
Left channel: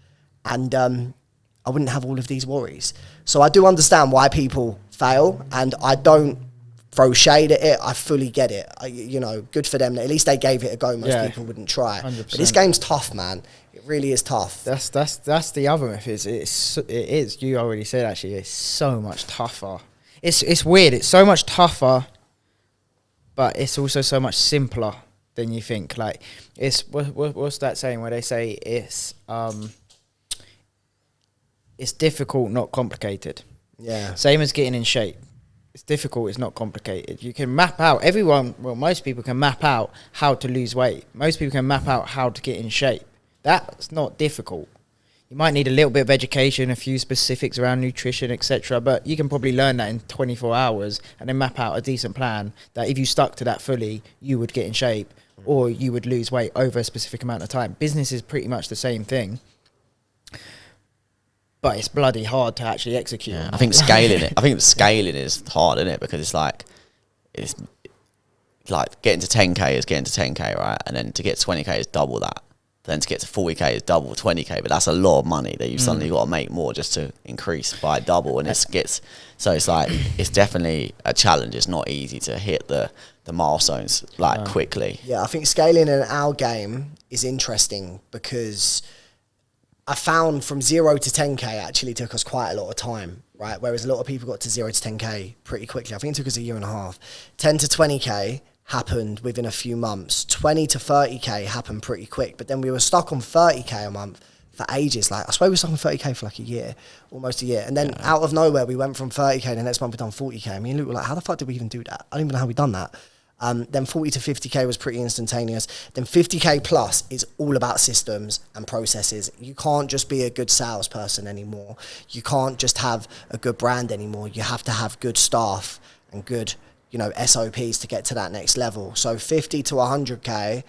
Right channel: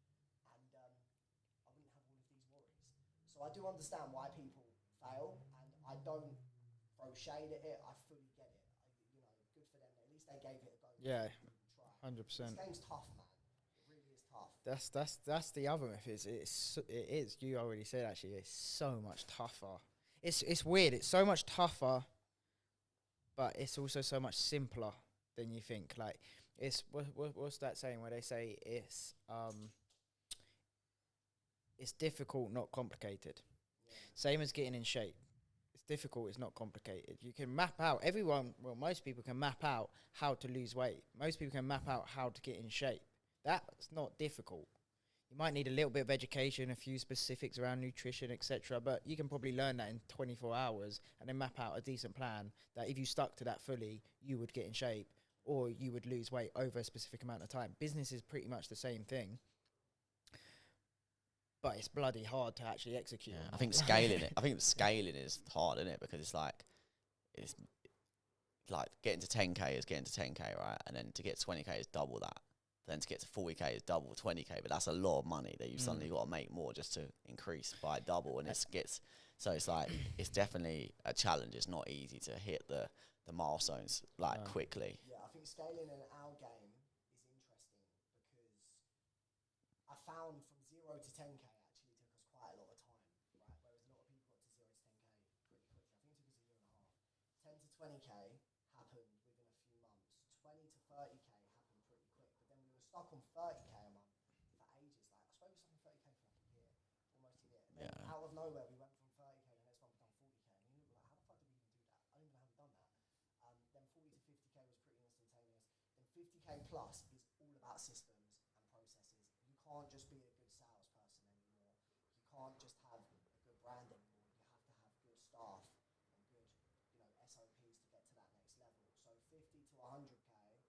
and I wouldn't have all of these worries. So I do understand why people fail, and I don't throw shade at it. I fully get it. You know, good for them. At least they gave it a go. Most people wouldn't try. 100%. But this game's tough, man. It really is tough. That's the other myth. It is. You already said, actually, it's so much tougher. It's weird. It's so much tougher, but it's also so much simpler than you think. Like, it's what's that saying where they say it's difficult, not complicated. Yeah. Same as getting in shape. It's difficult, it's not complicated. You can map out, most people can map out how to lose weight. Most people can map out how to get in shape. That's not difficult. You might need a little bit of education, a few specifics around nutrition, etc. But you can probably learn that in 24 hours and then map out a decent plan that if you stuck to that fully, you would get in shape or you would lose weight over a specific amount of time. Business is pretty much the same thing. But it's bloody hard to actually execute. Yeah, I think scaling is hard, isn't it? Because it's like getting to 10K is getting to 10K, right? And then to get 20K is double that. Then to get to 40K is double 20K. But that's a lot of money that you've suddenly got to make more just to increase by double. And it's like, it's definitely a challenge. It's not easy to hit the milestones quickly. Yeah, I think scaling in our game is interesting because I found from 0 to 10K actually took us quite a lot of time, right? Whereas a lot of people got to 0 to 10K pretty quickly. I think it took us a year and a half. 10 to 20K happened within a few months. 20 to 30k happened pretty quick, but then we were stuck on 30k a month for ages. Like, I swear we were stuck on 30k for like a year, almost a year. And then out of nowhere, we went from 30k, the next month we done 40k. Me and Luke were like, how the fuck did we even do that? I don't even know how we done that. Then 40 to 50k was pretty instantaneous. Then 50k plus is all about systems and processes. You can't just be a good salesperson anymore. You can't just have a good brand anymore. You have to have good staff and good, you know, SOPs to get to that next level. So 50 to 100k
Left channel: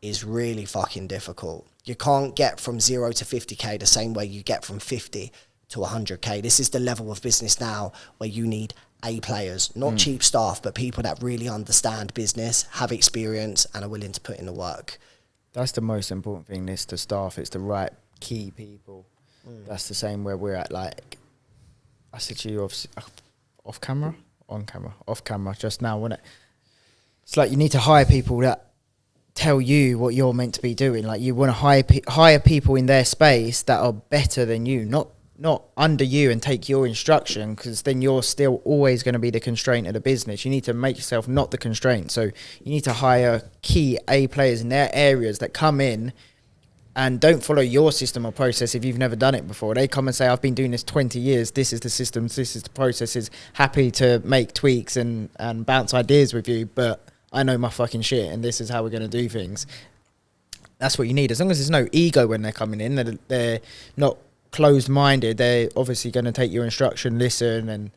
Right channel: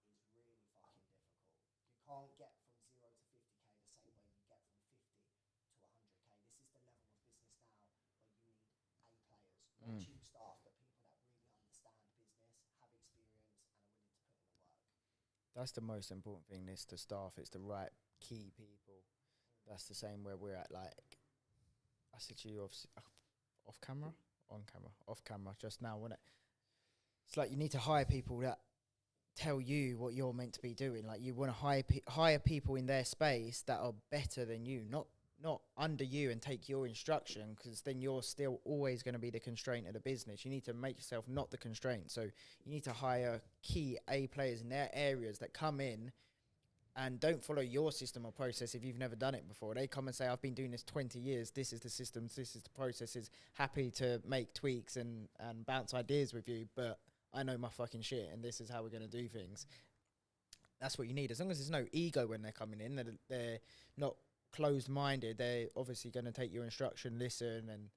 is really fucking difficult. You can't get from 0 to 50k the same way you get from 50 to 100k. This is the level of business now where you need A players, not cheap staff, but people that really understand business, have experience, and are willing to put in the work. That's the most important thing, is the staff. It's the right key people. That's the same where we're at. Like, I said to you off camera, off camera just now, wasn't it? It's like you need to hire people that tell you what you're meant to be doing. Like, you want to hire people in their space that are better than you, not under you and take your instruction, because then you're still always going to be the constraint of the business. You need to make yourself not the constraint. So you need to hire key A players in their areas that come in and don't follow your system or process if you've never done it before. They come and say, I've been doing this 20 years. This is the systems. This is the processes. Happy to make tweaks and bounce ideas with you, but I know my fucking shit and this is how we're going to do things. That's what you need. As long as there's no ego when they're coming in, they're not closed-minded, they're obviously going to take your instruction, listen,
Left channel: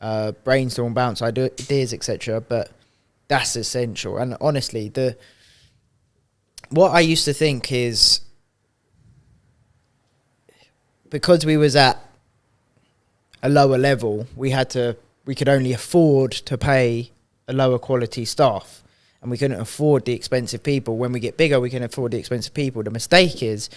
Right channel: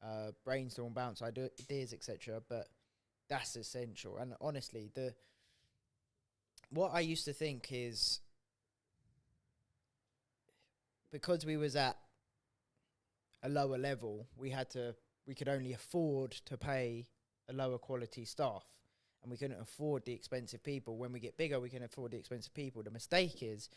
and brainstorm, bounce ideas, etc. But that's essential. And honestly, what I used to think is, because we was at a lower level, we could only afford to pay a lower quality staff, and we couldn't afford the expensive people. When we get bigger, we can afford the expensive people. The mistake is,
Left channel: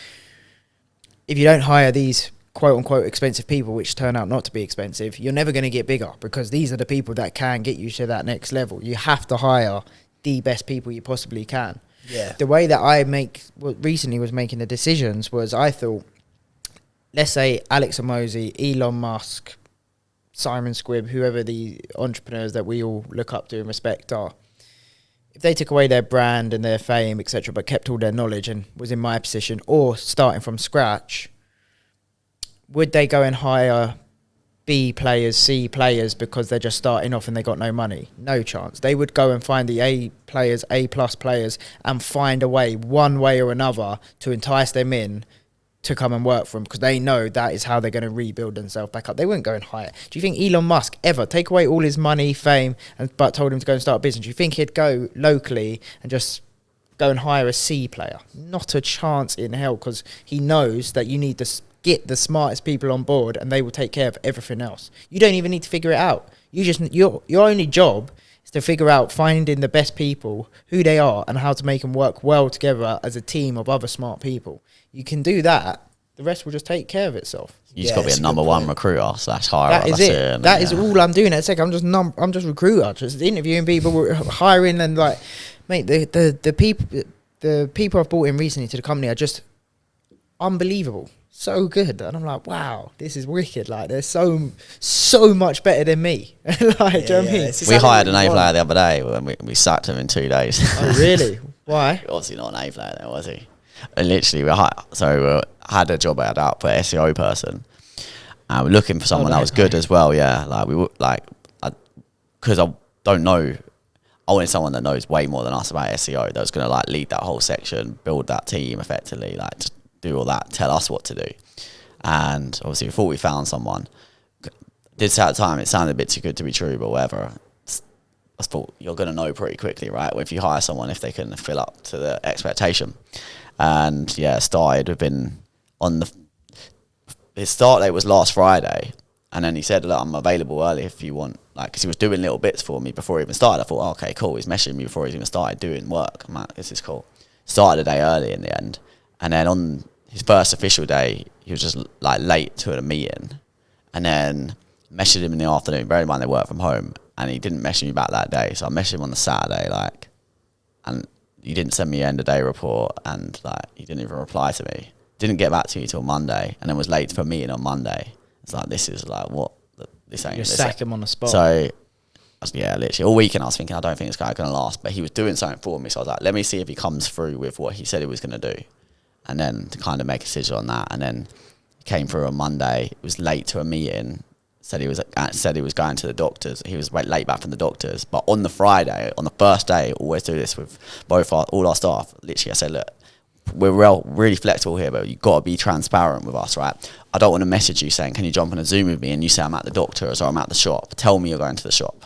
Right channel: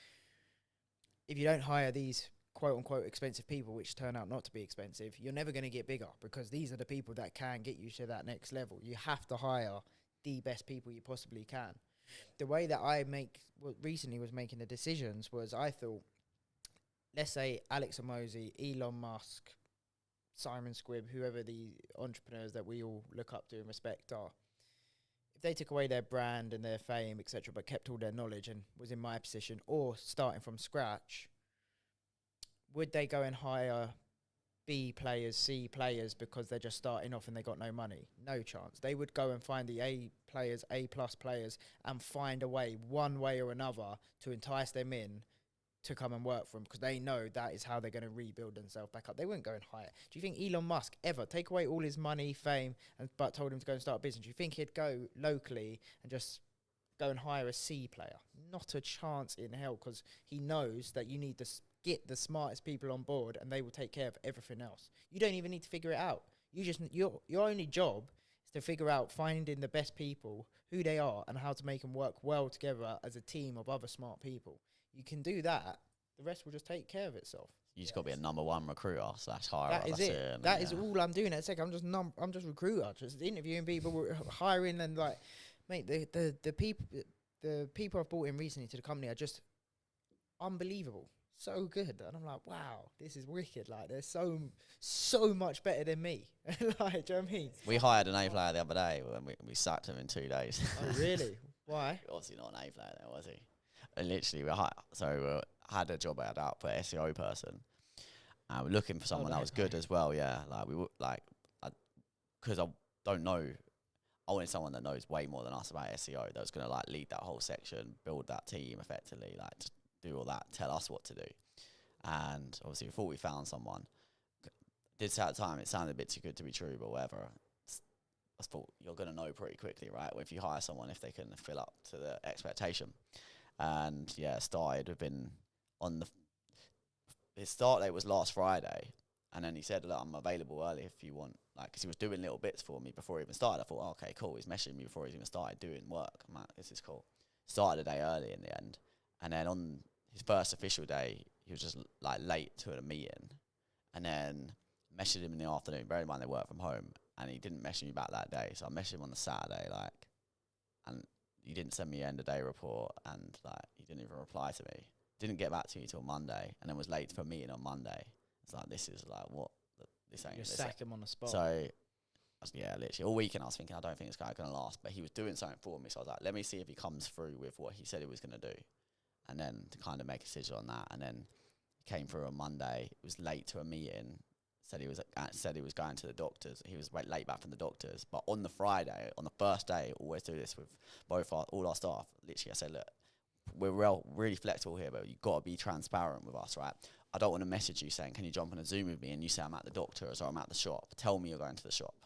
if you don't hire these quote-unquote expensive people, which turn out not to be expensive, you're never going to get bigger, because these are the people that can get you to that next level. You have to hire the best people you possibly can. Yeah. The way that I recently was making the decisions was, I thought, let's say Alex Hormozi, Elon Musk, Simon Squibb, whoever the entrepreneurs that we all look up to and respect are, if they took away their brand and their fame, etc., but kept all their knowledge and was in my position, or starting from scratch, would they go and hire B players, C players, because they're just starting off and they got no money? No chance. They would go and find the A players, A plus players, and find a way, one way or another, to entice them in to come and work for them, because they know that is how they're going to rebuild themselves back up. They wouldn't go and hire. Do you think Elon Musk ever take away all his money, fame, but told him to go and start a business? Do you think he'd go locally and just go and hire a C player? Not a chance in hell, because he knows that you need to get the smartest people on board and they will take care of everything else. You don't even need to figure it out. Your only job is to figure out finding the best people, who they are, and how to make them work well together as a team of other smart people. You can do that. The rest will just take care of itself. You just got to be a number one recruiter / hirer. That is it. That is all I'm doing. At I'm just recruiter, just interviewing people, hiring, and like, mate, the people I've brought in recently to the company are just unbelievable. So good. And I'm like, wow, this is wicked. Like, they're so much better than me. Like, do you know what I mean? We hired an A player the other day when we sacked him in 2 days. Oh, really? Why? Obviously not an A player then, was he? And literally, we had a job ad out for an SEO person. And we're looking for someone that was good as well, yeah. Like, because I don't know, I wanted someone that knows way more than us about SEO, that was going to like lead that whole section, build that team effectively, like just do all that, tell us what to do. And obviously, we thought we found someone. This at the time, it sounded a bit too good to be true, but whatever. I thought you're going to know pretty quickly, right? If you hire someone, if they can fill up to the expectation. And yeah, started. We've been on his start date was last Friday, and then he said, "Look, I'm available early if you want." Like, because he was doing little bits for me before he even started. I thought, oh, okay, cool. He's messaging me before he's even started doing work. I'm like, this is cool. Started a day early in the end, and then on his first official day, he was just like late to a meeting, and then messaged him in the afternoon. Bear in mind they work from home, and he didn't message me back that day. So I messaged him on the Saturday, like, and he didn't send me an end of day report, and like he didn't even reply to me. Didn't get back to me till Monday, and then was late for a meeting on Monday. It's like, this is like, what? This ain't. You sack him on the spot. So yeah, literally all weekend I was thinking, I don't think this guy's going to last. But he was doing something for me. So I was like, let me see if he comes through with what he said he was going to do. And then to kind of make a decision on that. And then he came through on Monday. It was late to a meeting. Said he was going to the doctors. He was late back from the doctors. But on the Friday, on the first day, always do this with all our staff. Literally, I said, look, we're really flexible here, but you've got to be transparent with us, right? I don't want to message you saying, can you jump on a Zoom with me? And you say I'm at the doctor's or I'm at the shop. Tell me you're going to the shop.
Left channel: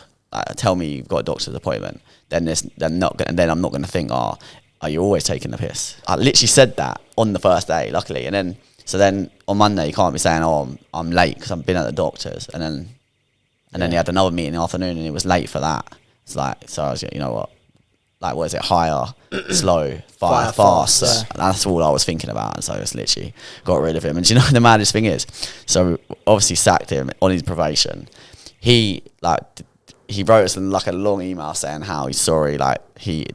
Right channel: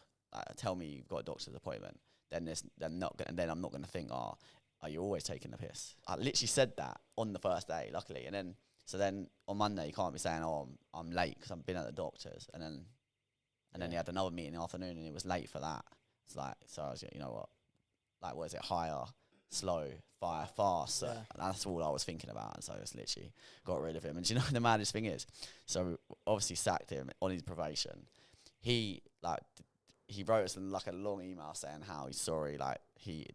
Tell me you've got a doctor's appointment. Then I'm not going to think, oh, you're always taking the piss. I literally said that on the first day, luckily. And then on Monday, you can't be saying, oh, I'm late because I've been at the doctor's. And then he had another meeting in the afternoon and he was late for that. It's like, so I was, you know what? Like, what is it? Hire, slow, fire, fast. Yeah. That's all I was thinking about. And so I just literally got rid of him. And do you know the maddest thing is? So obviously sacked him on his probation. He wrote us like a long email saying how he's sorry. Like he's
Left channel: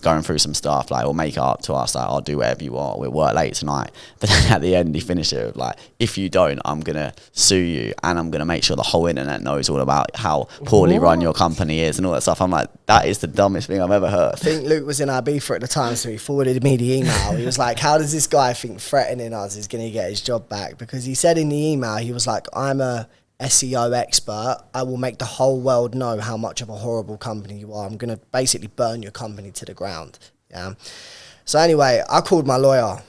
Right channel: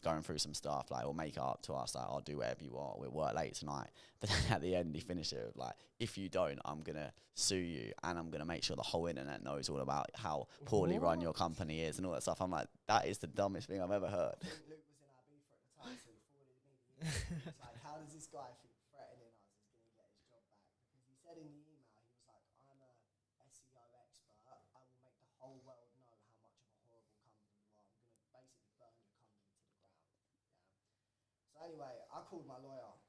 going through some stuff. Like, we'll make it up to us. Like, I'll do whatever you want. We'll work late tonight. But then at the end, he finished it with like, if you don't, I'm going to sue you. And I'm going to make sure the whole internet knows all about how poorly run your company is and all that stuff. I'm like, that is the dumbest thing I've ever heard. I think Luke was in Ibiza at the time, so he forwarded me the email. He was like, how does this guy think threatening us is going to get his job back? Because he said in the email, he was like, I'm a SEO expert. I will make the whole world know how much of a horrible company you are. I'm going to basically burn your company to the ground. Yeah. So anyway, I called my lawyer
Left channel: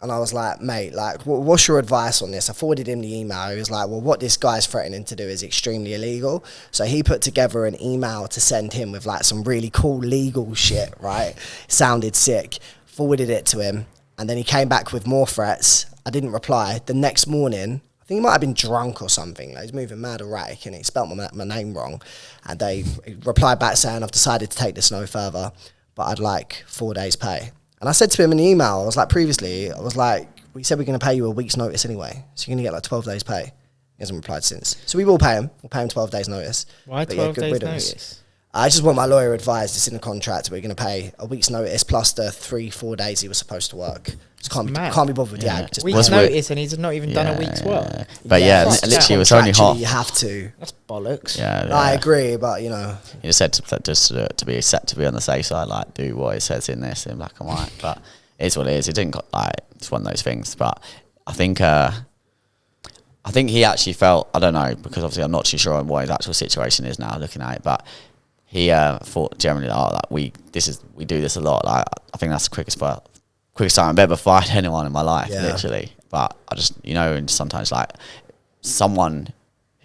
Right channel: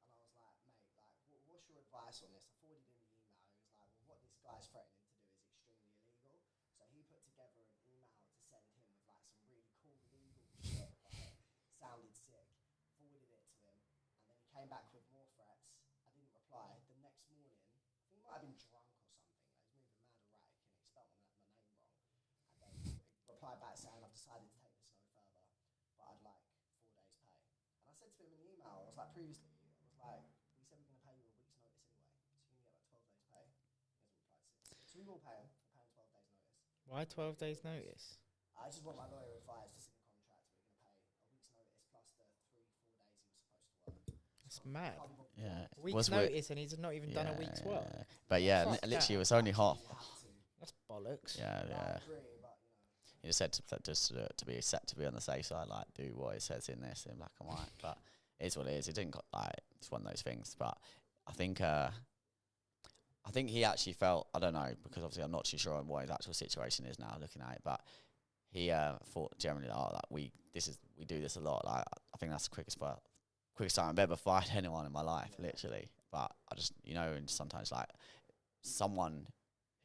and I was like, mate, like, what's your advice on this? I forwarded him the email. He was like, well, what this guy's threatening to do is extremely illegal. So he put together an email to send him with like some really cool legal shit, right? Sounded sick. Forwarded it to him. And then he came back with more threats. I didn't reply. The next morning, I think he might have been drunk or something. Like, he's moving mad erratic and he spelt my name wrong. And they replied back saying, I've decided to take this no further, but I'd like 4 days pay. And I said to him in the email, I was like, previously, I was like, we said we're going to pay you a week's notice anyway. So you're going to get like 12 days pay. He hasn't replied since. So we will pay him. We'll pay him 12 days notice. Why 12 days notice? I just want my lawyer advised. It's in the contract. We're going to pay a week's notice plus the 3-4 days he was supposed to work. Just can't be bothered with the ag. Just week's notice and he's not even done a week's work. But literally it was only half. You have to. That's bollocks. Yeah, I agree, but you know. You just said to be on the safe side, like do what it says in this in black and white. But it's what it is. It didn't it's one of those things. But I think he actually felt, I don't know, because obviously I'm not too sure on what his actual situation is now looking at it, but he thought generally like we do this a lot. Like I think that's the quickest time I've ever fired anyone in my life, literally. But I just, you know, and sometimes like someone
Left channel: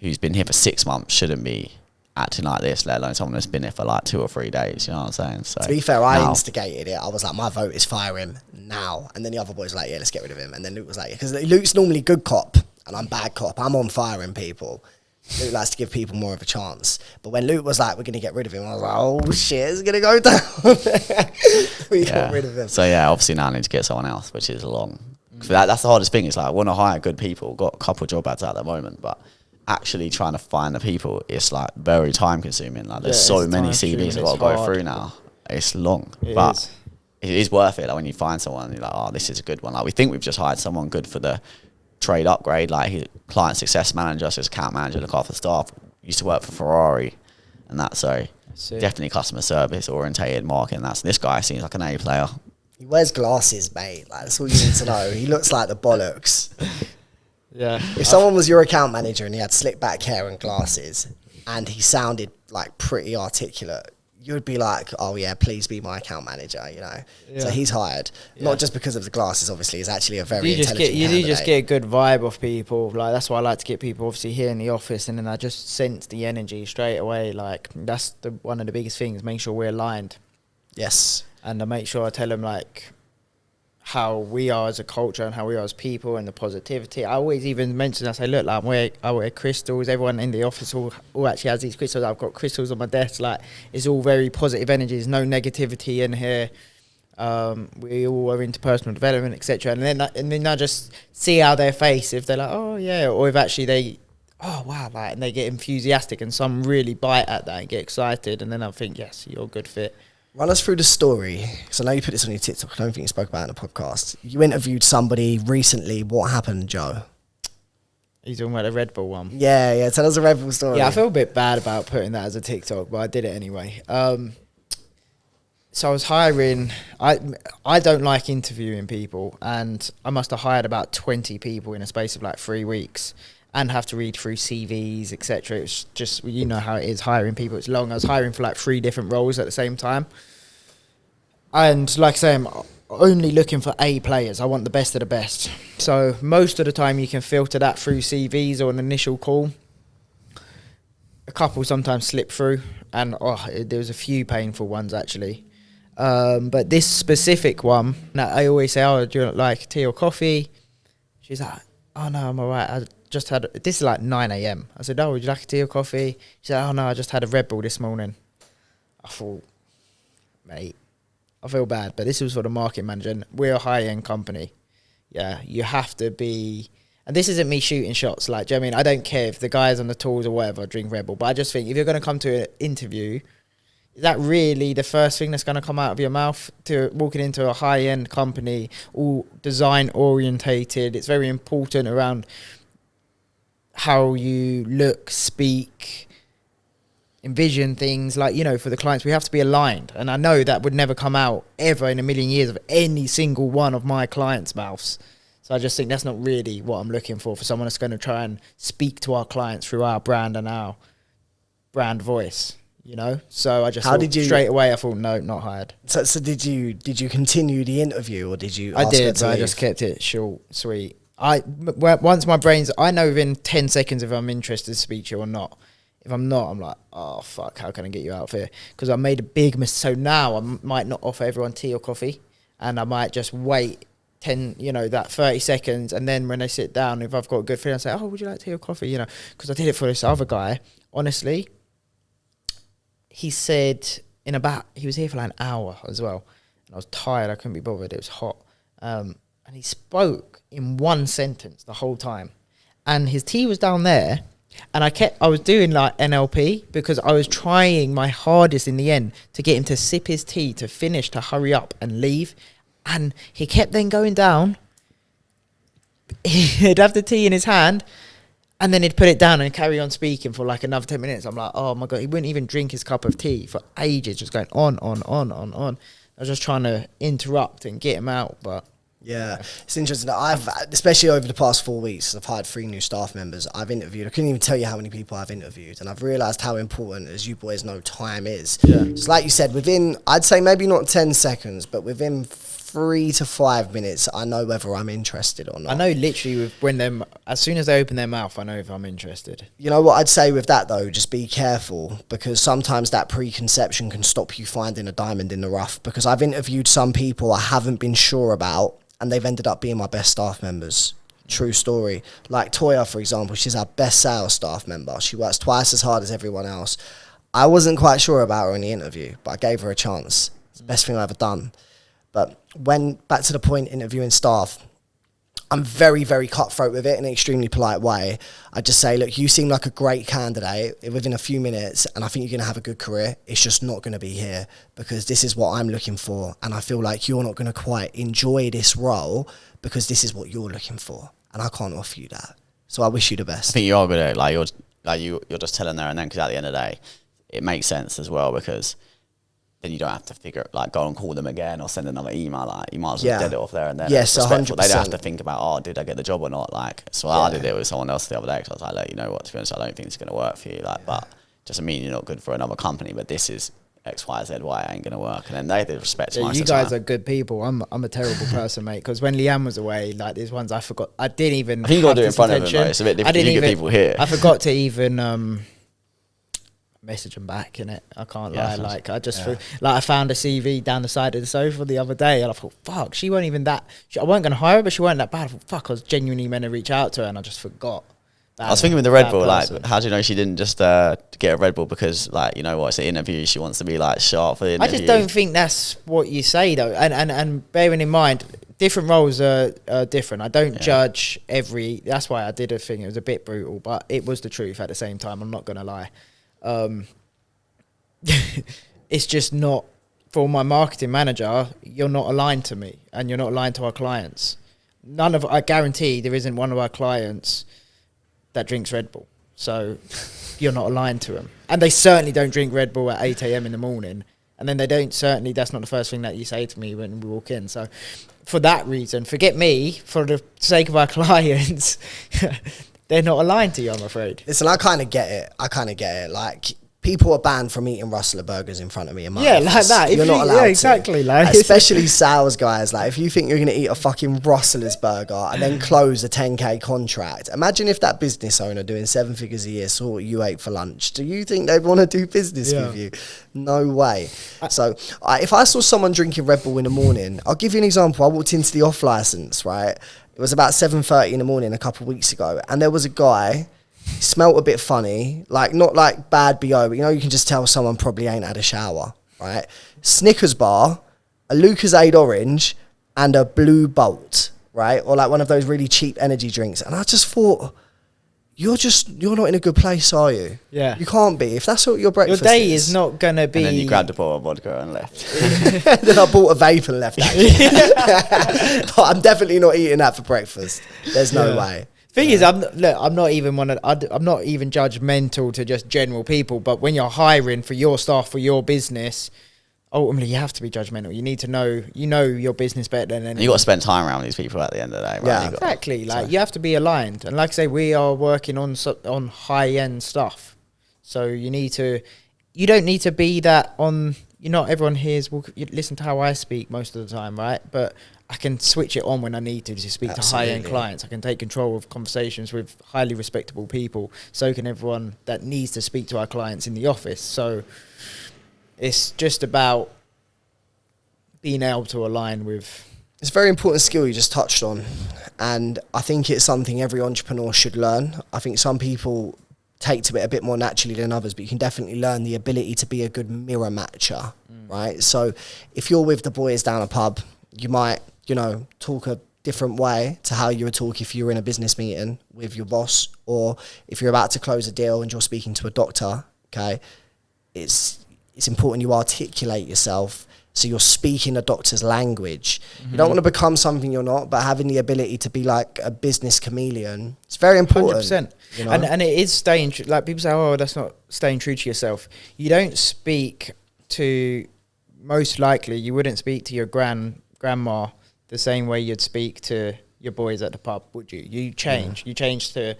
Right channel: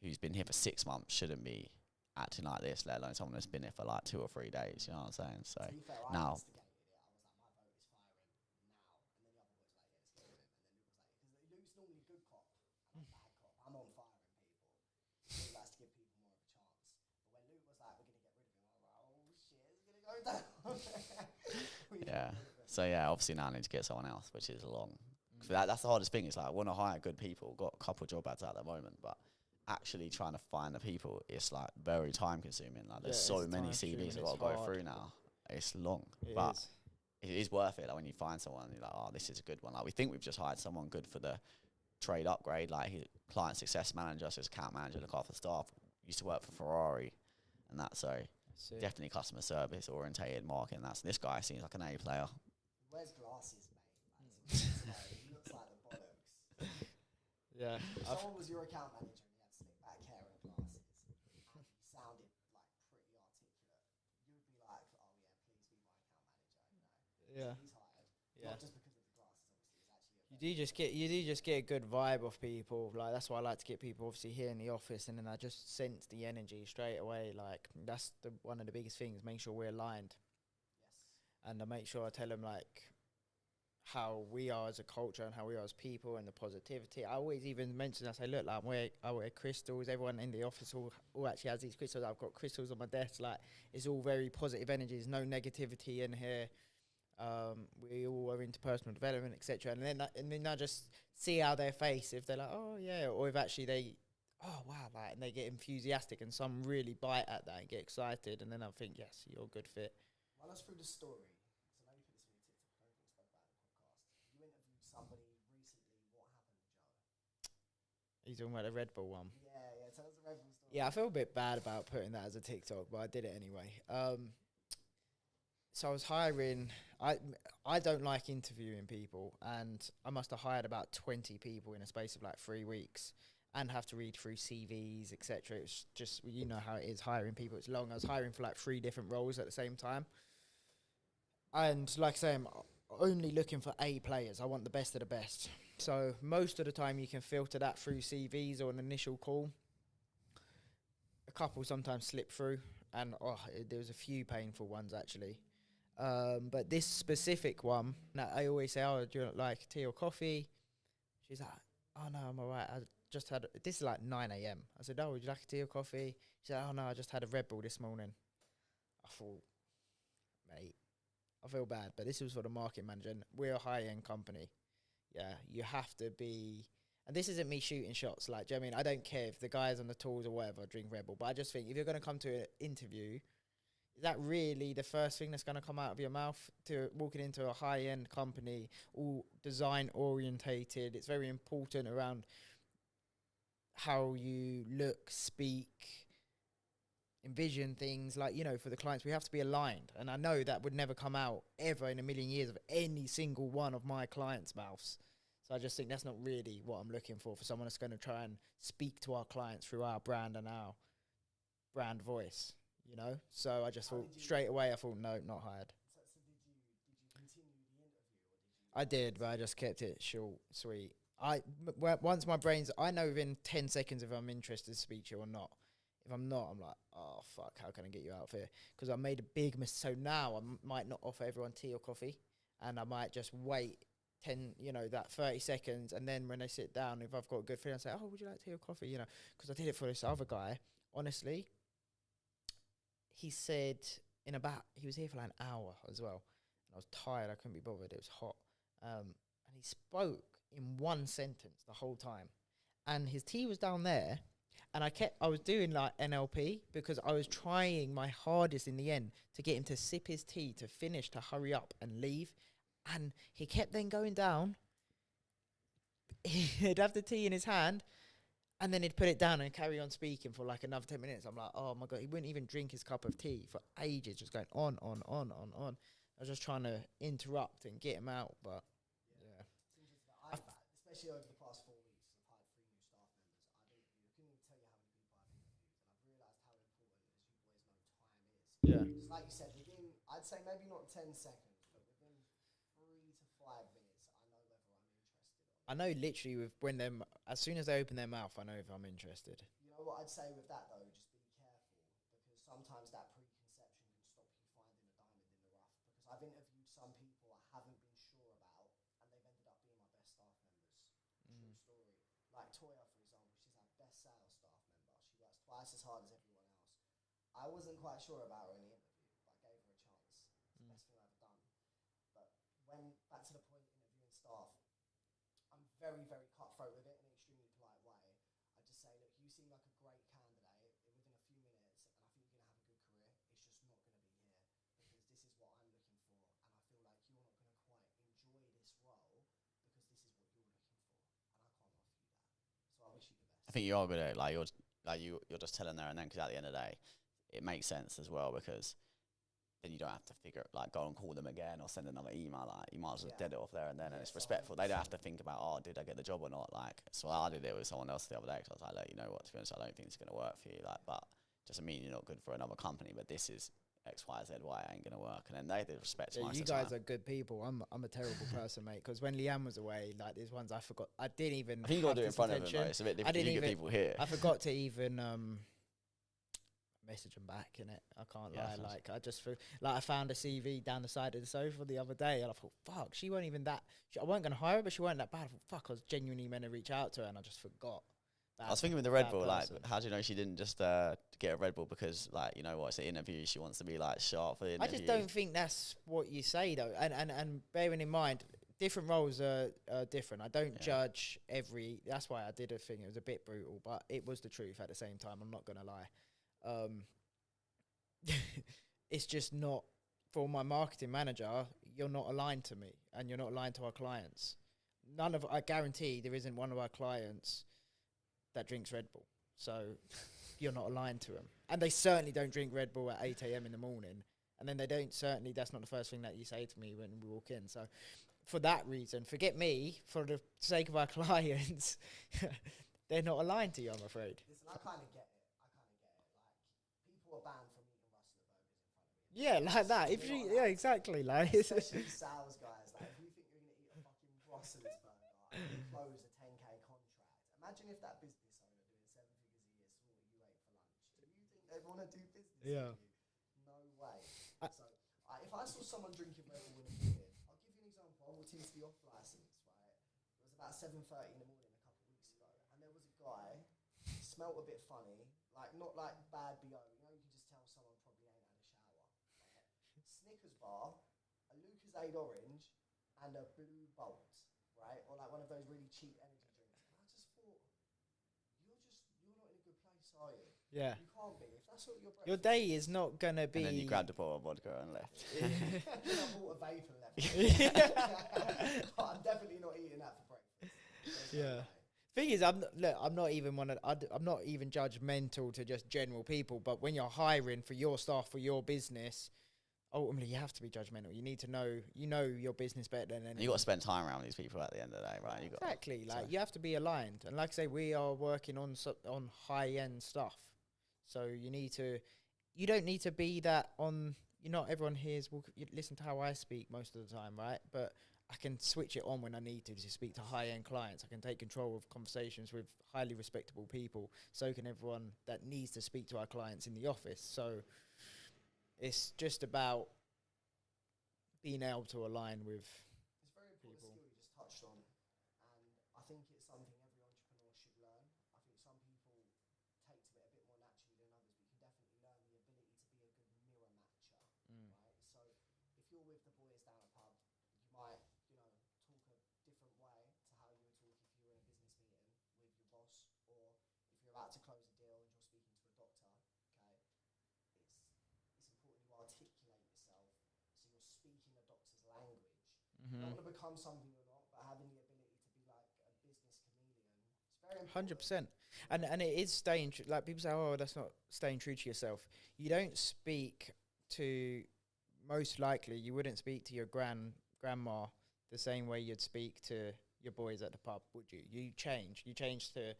who's been here for 6 months shouldn't be acting like this, let alone someone that's been here for like 2 or 3 days. You know what I'm saying? So to be fair, I instigated it. I was like, my vote is fire him now. And then the other boys were like, yeah, let's get rid of him. And then Luke was like, because Luke's normally good cop and I'm bad cop. I'm on firing people. Luke likes to give people more of a chance. But when Luke was like, we're going to get rid of him, I was like, oh shit, it's going to go down. We got rid of him. So yeah, obviously now I need to get someone else, which is long. That's the hardest thing. It's like, I want to hire good people. Got a couple of job ads at the moment, but actually trying to find the people, it's like very time consuming. Like there's so many CVs I've got to go through now. It's long, but it is worth it. Like when you find someone, you're like, oh, this is a good one. Like we think we've just hired someone good for the trade upgrade. Like he's client success manager, so his account manager, look after staff. Used to work for Ferrari, and that's so definitely customer service orientated marketing. This guy seems like an A player. He wears glasses, mate. Like, that's all you need to know. He looks like the bollocks. Yeah. If someone was your account manager and he had slick back hair and glasses and he sounded like pretty articulate, you would be like, oh yeah, please be my account manager, you know. Yeah. So he's hired, not just because of the glasses. Obviously, he's actually a very intelligent You do just get a good vibe off people. Like that's why I like to get people obviously here in the office, and then I just sense the energy straight away. Like that's one of the biggest things. Make sure we're aligned. Yes. And I make sure I tell them like how we are as a culture and how we are as people and the positivity. I always even mention, I say, look, like I wear crystals. Everyone in the office all actually has these crystals. I've got crystals on my desk. Like it's all very positive energies, no negativity in here. We all are into personal development, etc. And then I just see how their face, if they're like, oh yeah, or if actually they, oh wow, like, and they get enthusiastic, and some really bite at that and get excited, and then I think, yes, you're a good fit. Run us through the story. So I know you put this on your TikTok. I don't think you spoke about it in the podcast. You interviewed somebody recently. What happened, Joe? Are you talking about the Red Bull one? Yeah. Tell us a Red Bull story. Yeah, I feel a bit bad about putting that as a TikTok, but I did it anyway. So I was hiring. I don't like interviewing people, and I must have hired about 20 people in a space of like 3 weeks, and have to read through CVs, etc. It's just, you know how it is hiring people. It's long. I was hiring for like 3 different roles at the same time, and like I say, I'm only looking for A players. I want the best of the best. So most of the time, you can filter that through CVs or an initial call. A couple sometimes slip through, and there was a few painful ones actually. But this specific one, I always say, "Oh, do you like tea or coffee?" She's like, "Oh no, I'm alright. I just had." This is like 9 a.m. I said, "Oh, would you like a tea or coffee?" She said, "Oh no, I just had a Red Bull this morning." I thought, mate, I feel bad, but this was for the marketing manager, and we're a high-end company. Yeah, you have to be, and this isn't me shooting shots. Like, do you know what I mean? I don't care if the guys on the tools or whatever drink Red Bull, but I just think if you're going to come to an interview, is that really the first thing that's going to come out of your mouth to walking into a high-end company, all design-orientated? It's very important around how you look, speak, envision things. Like, you know, for the clients, we have to be aligned. And I know that would never come out ever in a million years of any single one of my clients' mouths. So I just think that's not really what I'm looking for someone that's going to try and speak to our clients through our brand and our brand voice. You know, so I just straight away I thought, no, not hired. So did you continue the interview, or did you? I did, but I just kept it short, sweet. Once my brain's, I know within 10 seconds if I'm interested to speak to you or not. If I'm not, I'm like, oh fuck, how can I get you out of here? Because I made a big mistake. So now I might not offer everyone tea or coffee, and I might just wait 30 seconds, and then when they sit down, if I've got a good feeling, I say, oh, would you like tea or coffee? You know, because I did it for this other guy. Honestly, he said he was here for like an hour as well. And I was tired. I couldn't be bothered. It was hot. And he spoke in one sentence the whole time. And his tea was down there. And I was doing like NLP because I was trying my hardest in the end to get him to sip his tea, to finish, to hurry up and leave. And he kept then going down. He'd have the tea in his hand, and then he'd put it down and carry on speaking for like another 10 minutes. I'm like, oh my God, he wouldn't even drink his cup of tea for ages, just going on. I was just trying to interrupt and get him out, but... Yeah, it's interesting. Especially over the past 4 weeks, I've hired 3 new staff members. I've interviewed. I couldn't even tell you how many people I've interviewed, and I've realised how important, as you boys know, time is. Yeah. It's like you said, I'd say maybe not 10 seconds, but within 3 to 5 minutes, I know whether I'm interested or not. I know literally as soon as they open their mouth, I know if I'm interested. You know what I'd say with that though? Just be careful, because sometimes that preconception can stop you finding a diamond in the rough. Because I've interviewed some people I haven't been sure about, and they've ended up being my best staff members. True story. Like Toya, for example, she's our best sales staff member. She works twice as hard as everyone else. I wasn't quite sure about her in the interview, but I gave her a chance. It's the best thing I've ever done. But when, back to the point, interviewing staff, I'm very, very cutthroat with it in an extremely polite way. I just say, look, you seem like a great candidate within a few minutes, and I think you're going to have a good career. It's just not going to be here, because this is what I'm looking for, and I feel like you're not going to quite enjoy this role because this is what you're looking for, and I can't offer you that. So I wish you the best. I think you are good at it. You're just telling there and then, because at the end of the day, it makes sense as well, because then you don't have to go and call them again or send another email. Like, you might as well get it off there and then. Yes, 100%. They don't have to think about, did I get the job or not? Like, so I did it with someone else the other day, because I was like, look, you know what, to be honest, I don't think it's going to work for you. Like, but doesn't mean you're not good for another company, but this is X, Y, Z, why it ain't going to work. And then they did respect to you guys are good people. I'm a terrible person, mate, because when Leanne was away, like, there's ones I forgot. I think you got to do it in front of them, though. It's a bit different. You get people here. I forgot to even... message them back, innit? I can't lie. Like, I just I found a CV down the side of the sofa the other day, and I thought, fuck, she weren't even that. I weren't going to hire her, but she weren't that bad. I thought, fuck, I was genuinely meant to reach out to her, and I just forgot. I was thinking with the Red Bull, like, how do you know she didn't just get a Red Bull because, like, you know what, it's an interview, she wants to be like sharp for the interview? I just don't think that's what you say though, and bearing in mind, different roles are different. I don't judge that's why I did a thing. It was a bit brutal, but it was the truth at the same time. I'm not going to lie. It's just not, for my marketing manager, you're not aligned to me, and you're not aligned to our clients. I guarantee there isn't one of our clients that drinks Red Bull. So you're not aligned to them. And they certainly don't drink Red Bull at 8 a.m. in the morning. And then they don't, certainly, that's not the first thing that you say to me when we walk in. So for that reason, forget me, for the sake of our clients, they're not aligned to you, I'm afraid. Listen, I kind of get it. Like, people are banned from eating Rustler burgers in front of me in my office. Like that. You're not allowed to. Exactly. Like, especially sales guys. Like, if you think you're going to eat a fucking Rustler's burger and then close a 10K contract, imagine if that business owner doing 7 figures a year saw what you ate for lunch. Do you think they'd want to do business with you? No way. So, if I saw someone drinking Red Bull in the morning, I'll give you an example. I walked into the off license, right? It was about 7:30 in the morning a couple of weeks ago, and there was a guy. He smelt a bit funny, like not like bad BO, but you know, you can just tell someone probably ain't had a shower, right? Snickers bar, a Lucozade orange, and a Blue Bolt, right? Or like one of those really cheap energy drinks. And I just thought, you're not in a good place, are you? Yeah. You can't be. If that's what your breakfast your day is not going to be... And then you grabbed a bottle of vodka and left. Then I bought a vape and left, actually. But I'm definitely not eating that for breakfast. There's no way. Thing is, I'm not even judgmental to just general people, but when you're hiring for your staff, for your business, ultimately you have to be judgmental. You need to know, your business better than anyone. You got to spend time around these people at the end of the day, right? Yeah, exactly. Like, you have to be aligned. And like I say, we are working on high-end stuff. So you don't need to be that on, not everyone hears, you listen to how I speak most of the time, right? But I can switch it on when I need to speak to high-end clients. I can take control of conversations with highly respectable people. So can everyone that needs to speak to our clients in the office. So it's just about being able to align with... It's a very important skill you just touched on. And I think it's something every entrepreneur should learn. I think some people take to it a bit more naturally than others, but you can definitely learn the ability to be a good mirror matcher, right? So if you're with the boys down a pub, you might... talk a different way to how you would talk if you were in a business meeting with your boss, or if you're about to close a deal and you're speaking to a doctor, okay? It's important you articulate yourself so you're speaking a doctor's language. Mm-hmm. You don't want to become something you're not, but having the ability to be like a business chameleon, it's very important. 100%. And it is staying true. Like, people say, oh, that's not staying true to yourself. You don't speak to, most likely, you wouldn't speak to your grandma the same way you'd speak to your boys at the pub, would you? You change. You change to,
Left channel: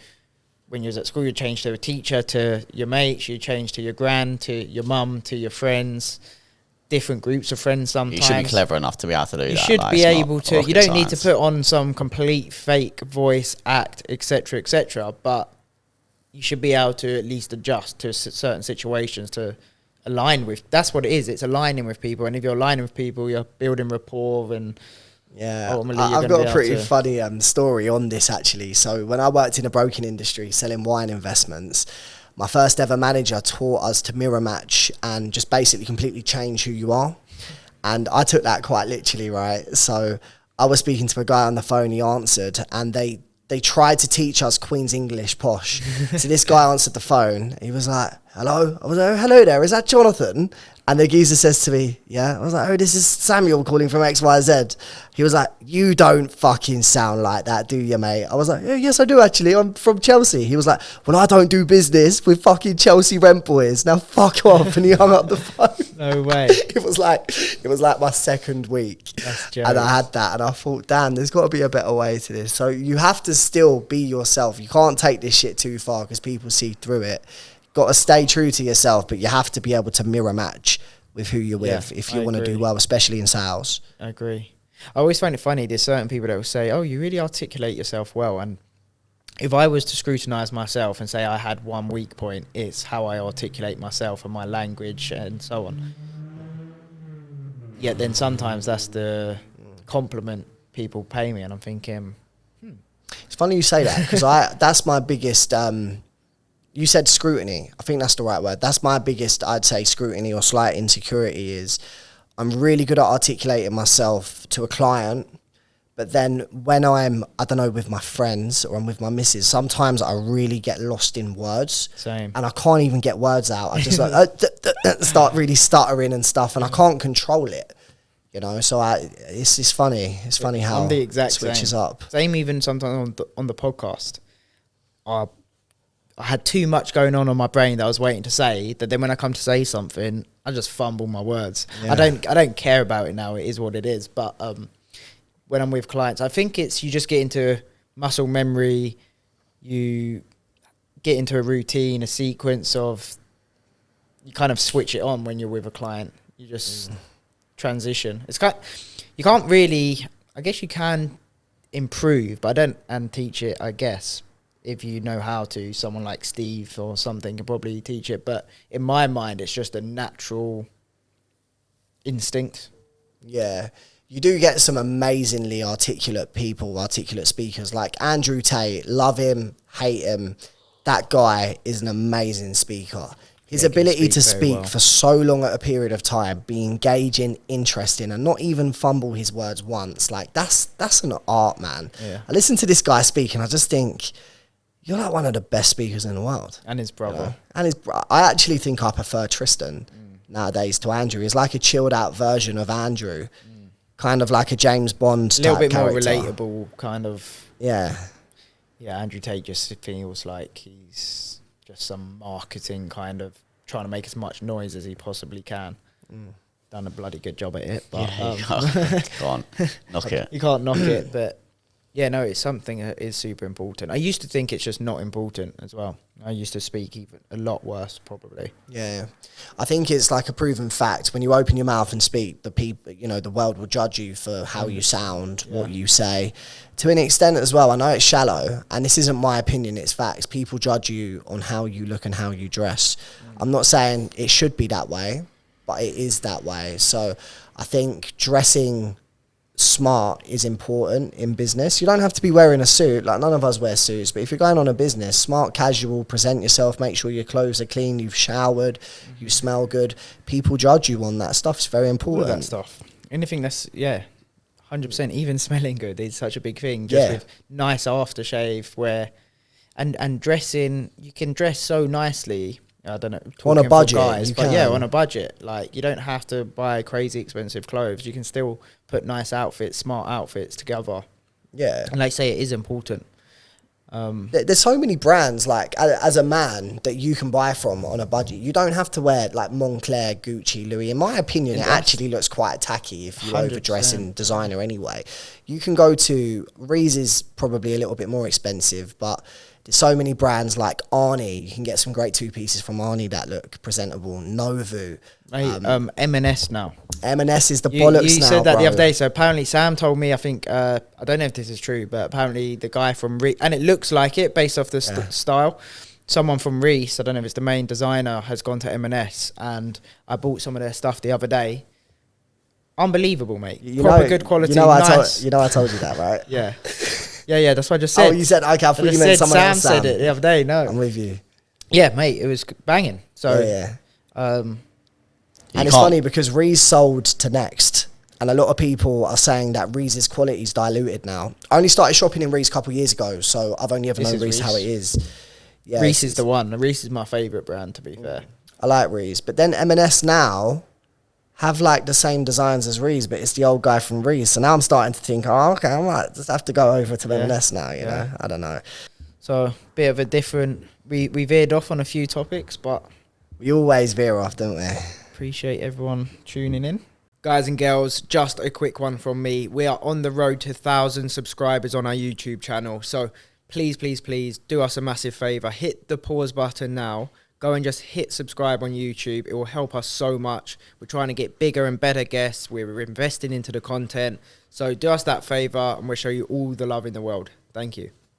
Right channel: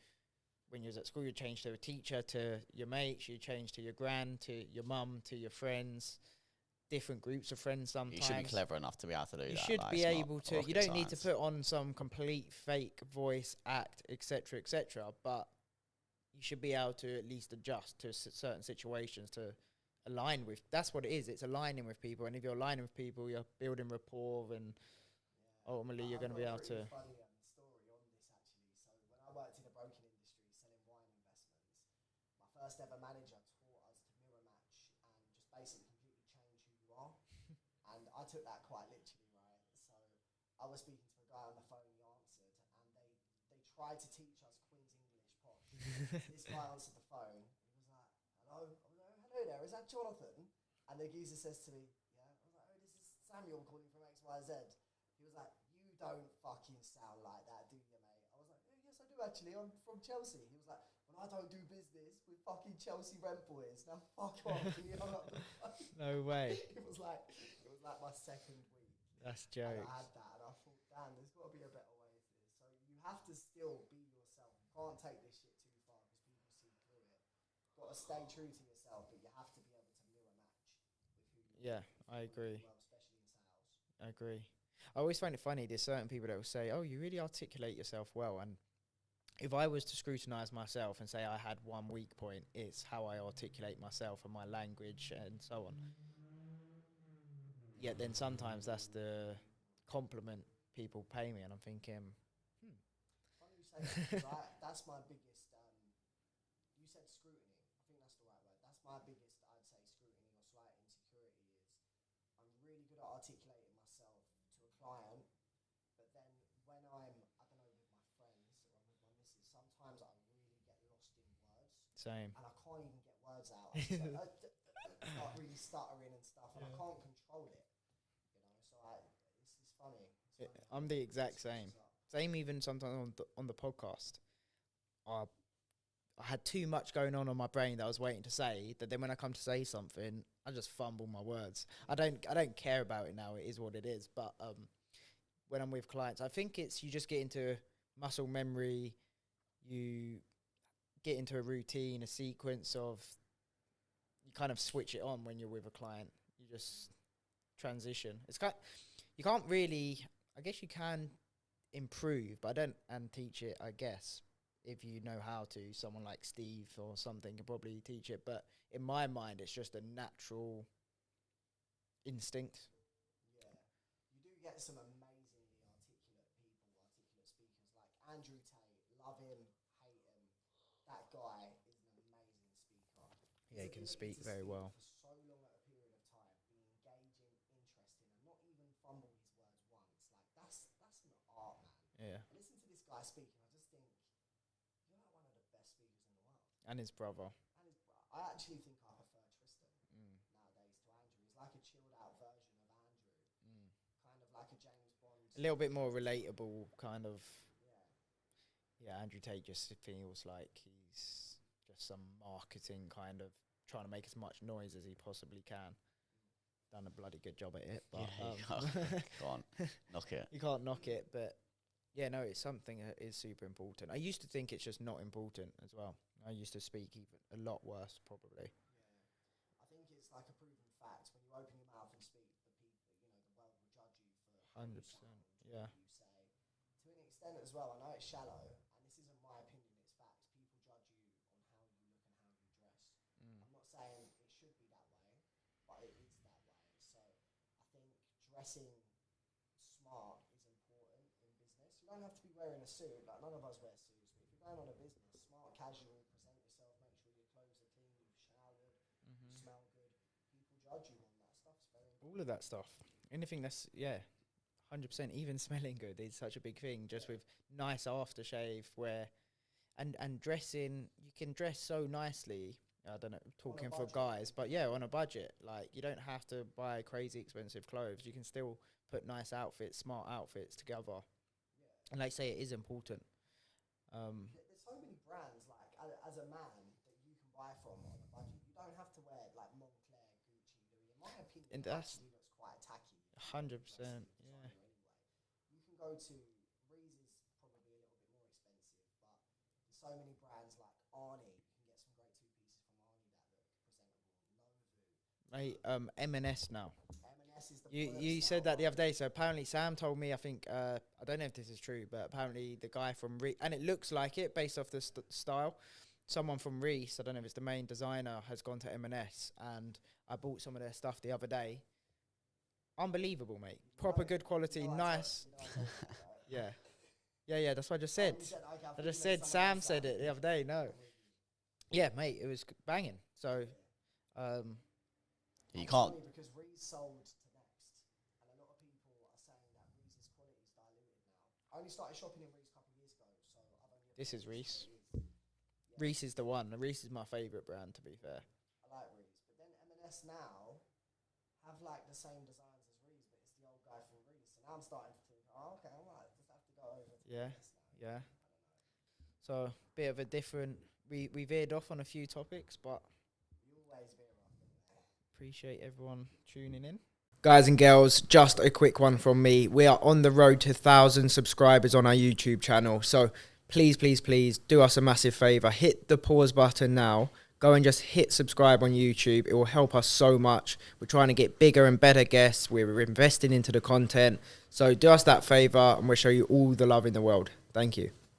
when you was at school, you change to a teacher, to your mates, you change to your gran, to your mum, to your friends, different groups of friends sometimes. You should be clever enough to be able to do that. You should be able to. You don't need to put on some complete fake voice, act, etc., but you should be able to at least adjust to certain situations to align with. That's what it is. It's aligning with people. And if you're aligning with people, you're building rapport and... Yeah, I've got a pretty funny story on this, actually. So when I worked in the broking industry selling wine investments, my first ever manager taught us to mirror match and just basically completely change who you are. And I took that quite literally, right? So I was speaking to a guy on the phone, he answered, and they tried to teach us Queen's English posh. So this guy answered the phone, he was like, hello? I was like, hello there, is that Jonathan? And the geezer says to me, yeah. I was like, oh, this is Samuel calling from XYZ. He was like, you don't fucking sound like that, do you, mate? I was like, yeah, yes, I do, actually. I'm from Chelsea. He was like, well, I don't do business with fucking Chelsea rent boys. Now fuck off. And he hung up the phone. No way. It was like my second week. And I had that. And I thought, damn, there's got to be a better way to this. So you have to still be yourself. You can't take this shit too far because people see through it. Got to stay true to yourself, but you have to be able to mirror match with who you're with if you want to do well, especially in sales. I agree. I always find it funny, there's certain people that will say, oh, you really articulate yourself well. And if I was to scrutinize myself and say I had one weak point, it's how I articulate myself and my language and so on. Yet then sometimes that's the compliment people pay me, and I'm thinking, It's funny you say that, because that's my biggest... you said scrutiny. I think that's the right word. That's my biggest, I'd say, scrutiny or slight insecurity is I'm really good at articulating myself to a client, but then when I'm, I don't know, with my friends or I'm with my missus, sometimes I really get lost in words. Same. And I can't even get words out. I just start really stuttering and stuff, and I can't control it. So it's funny. It's funny how I'm the exact it switches same. up. Same even sometimes on the podcast. I had too much going on my brain that I was waiting to say, that then when I come to say something, I just fumble my words. Yeah. I don't care about it now. It is what it is. But when I'm with clients, I think it's, you just get into muscle memory, you get into a routine, a sequence of, you kind of switch it on when you're with a client. You just transition. You can't really, I guess you can improve, but I don't, and teach it, I guess. If you know how to, someone like Steve or something can probably teach it. But in my mind, it's just a natural instinct. Yeah. You do get some amazingly articulate people, articulate speakers like Andrew Tate. Love him, hate him. That guy is an amazing speaker. His ability to speak for so long at a period of time, be engaging, interesting, and not even fumble his words once. Like, that's an art, man. Yeah. I listen to this guy speak and I just think, you're like one of the best speakers in the world. And his brother. You know? I actually think I prefer Tristan nowadays to Andrew. He's like a chilled out version of Andrew. Kind of like a James Bond type character. A little bit more relatable, kind of. Yeah. Yeah, Andrew Tate just feels like he's just some marketing kind of trying to make as much noise as he possibly can. Done a bloody good job at it. But you can't knock it. You can't knock it, but yeah, no, it's something that is super important. I used to think it's just not important as well. I used to speak even a lot worse, probably. Yeah. I think it's like a proven fact. When you open your mouth and speak, the people, you know, the world will judge you for how you sound, what you say. To an extent as well, I know it's shallow, and this isn't my opinion, it's facts. People judge you on how you look and how you dress. I'm not saying it should be that way, but it is that way. So I think dressing smart is important in business. You don't have to be wearing a suit, like none of us wear suits, but if you're going on a business, smart, casual, present yourself, make sure your clothes are clean, you've showered, you smell good. People judge you on that stuff. It's very important. All that stuff. Anything that's, 100%, even smelling good is such a big thing. Just with nice aftershave, where, and dressing, you can dress so nicely. I don't know, on a budget, guys, but on a budget. Like, you don't have to buy crazy expensive clothes. You can still put nice outfits, smart outfits together. Yeah, and like I say, it is important. There's so many brands, like as a man, that you can buy from on a budget. You don't have to wear like Moncler, Gucci, Louis. In my opinion, it actually looks quite tacky if you 100%. Overdress in designer anyway. You can go to Rees is probably a little bit more expensive, but there's so many brands like Arnie. You can get some great two pieces from Arnie that look presentable. Novu. M&S now. M&S is the bollocks now, You said that the other day. So apparently Sam told me, I think, I don't know if this is true, but apparently the guy from Rees, and it looks like it based off the style, someone from Rees, I don't know if it's the main designer, has gone to M&S, and I bought some of their stuff the other day. Unbelievable, mate. Proper good quality, nice. I told you that, right? Yeah. Yeah, that's what I just said. Oh, you said, okay, I thought you meant someone else. Sam said it the other day, no. I'm with you. Yeah, mate, it was banging. So, and it's funny because Rees sold to Next, and a lot of people are saying that Rees' quality is diluted now. I only started shopping in Rees a couple of years ago, so I've only ever known Rees how it is. Yeah, Rees is the one. Rees is my favourite brand, to be fair. I like Rees. But then M&S now have like the same designs as Rees, but it's the old guy from Rees. So now I'm starting to think, oh, okay, I might just have to go over to M&S now, you know? I don't know. So a bit of a different... We veered off on a few topics, but... We always veer off, don't we? Appreciate everyone tuning in. Guys and girls, just a quick one from me. We are on the road to 1,000 subscribers on our YouTube channel. So please, please, please do us a massive favour. Hit the pause button now. Go and just hit subscribe on YouTube. It will help us so much. We're trying to get bigger and better guests. We're investing into the content. So do us that favour and we'll show you all the love in the world. Thank you.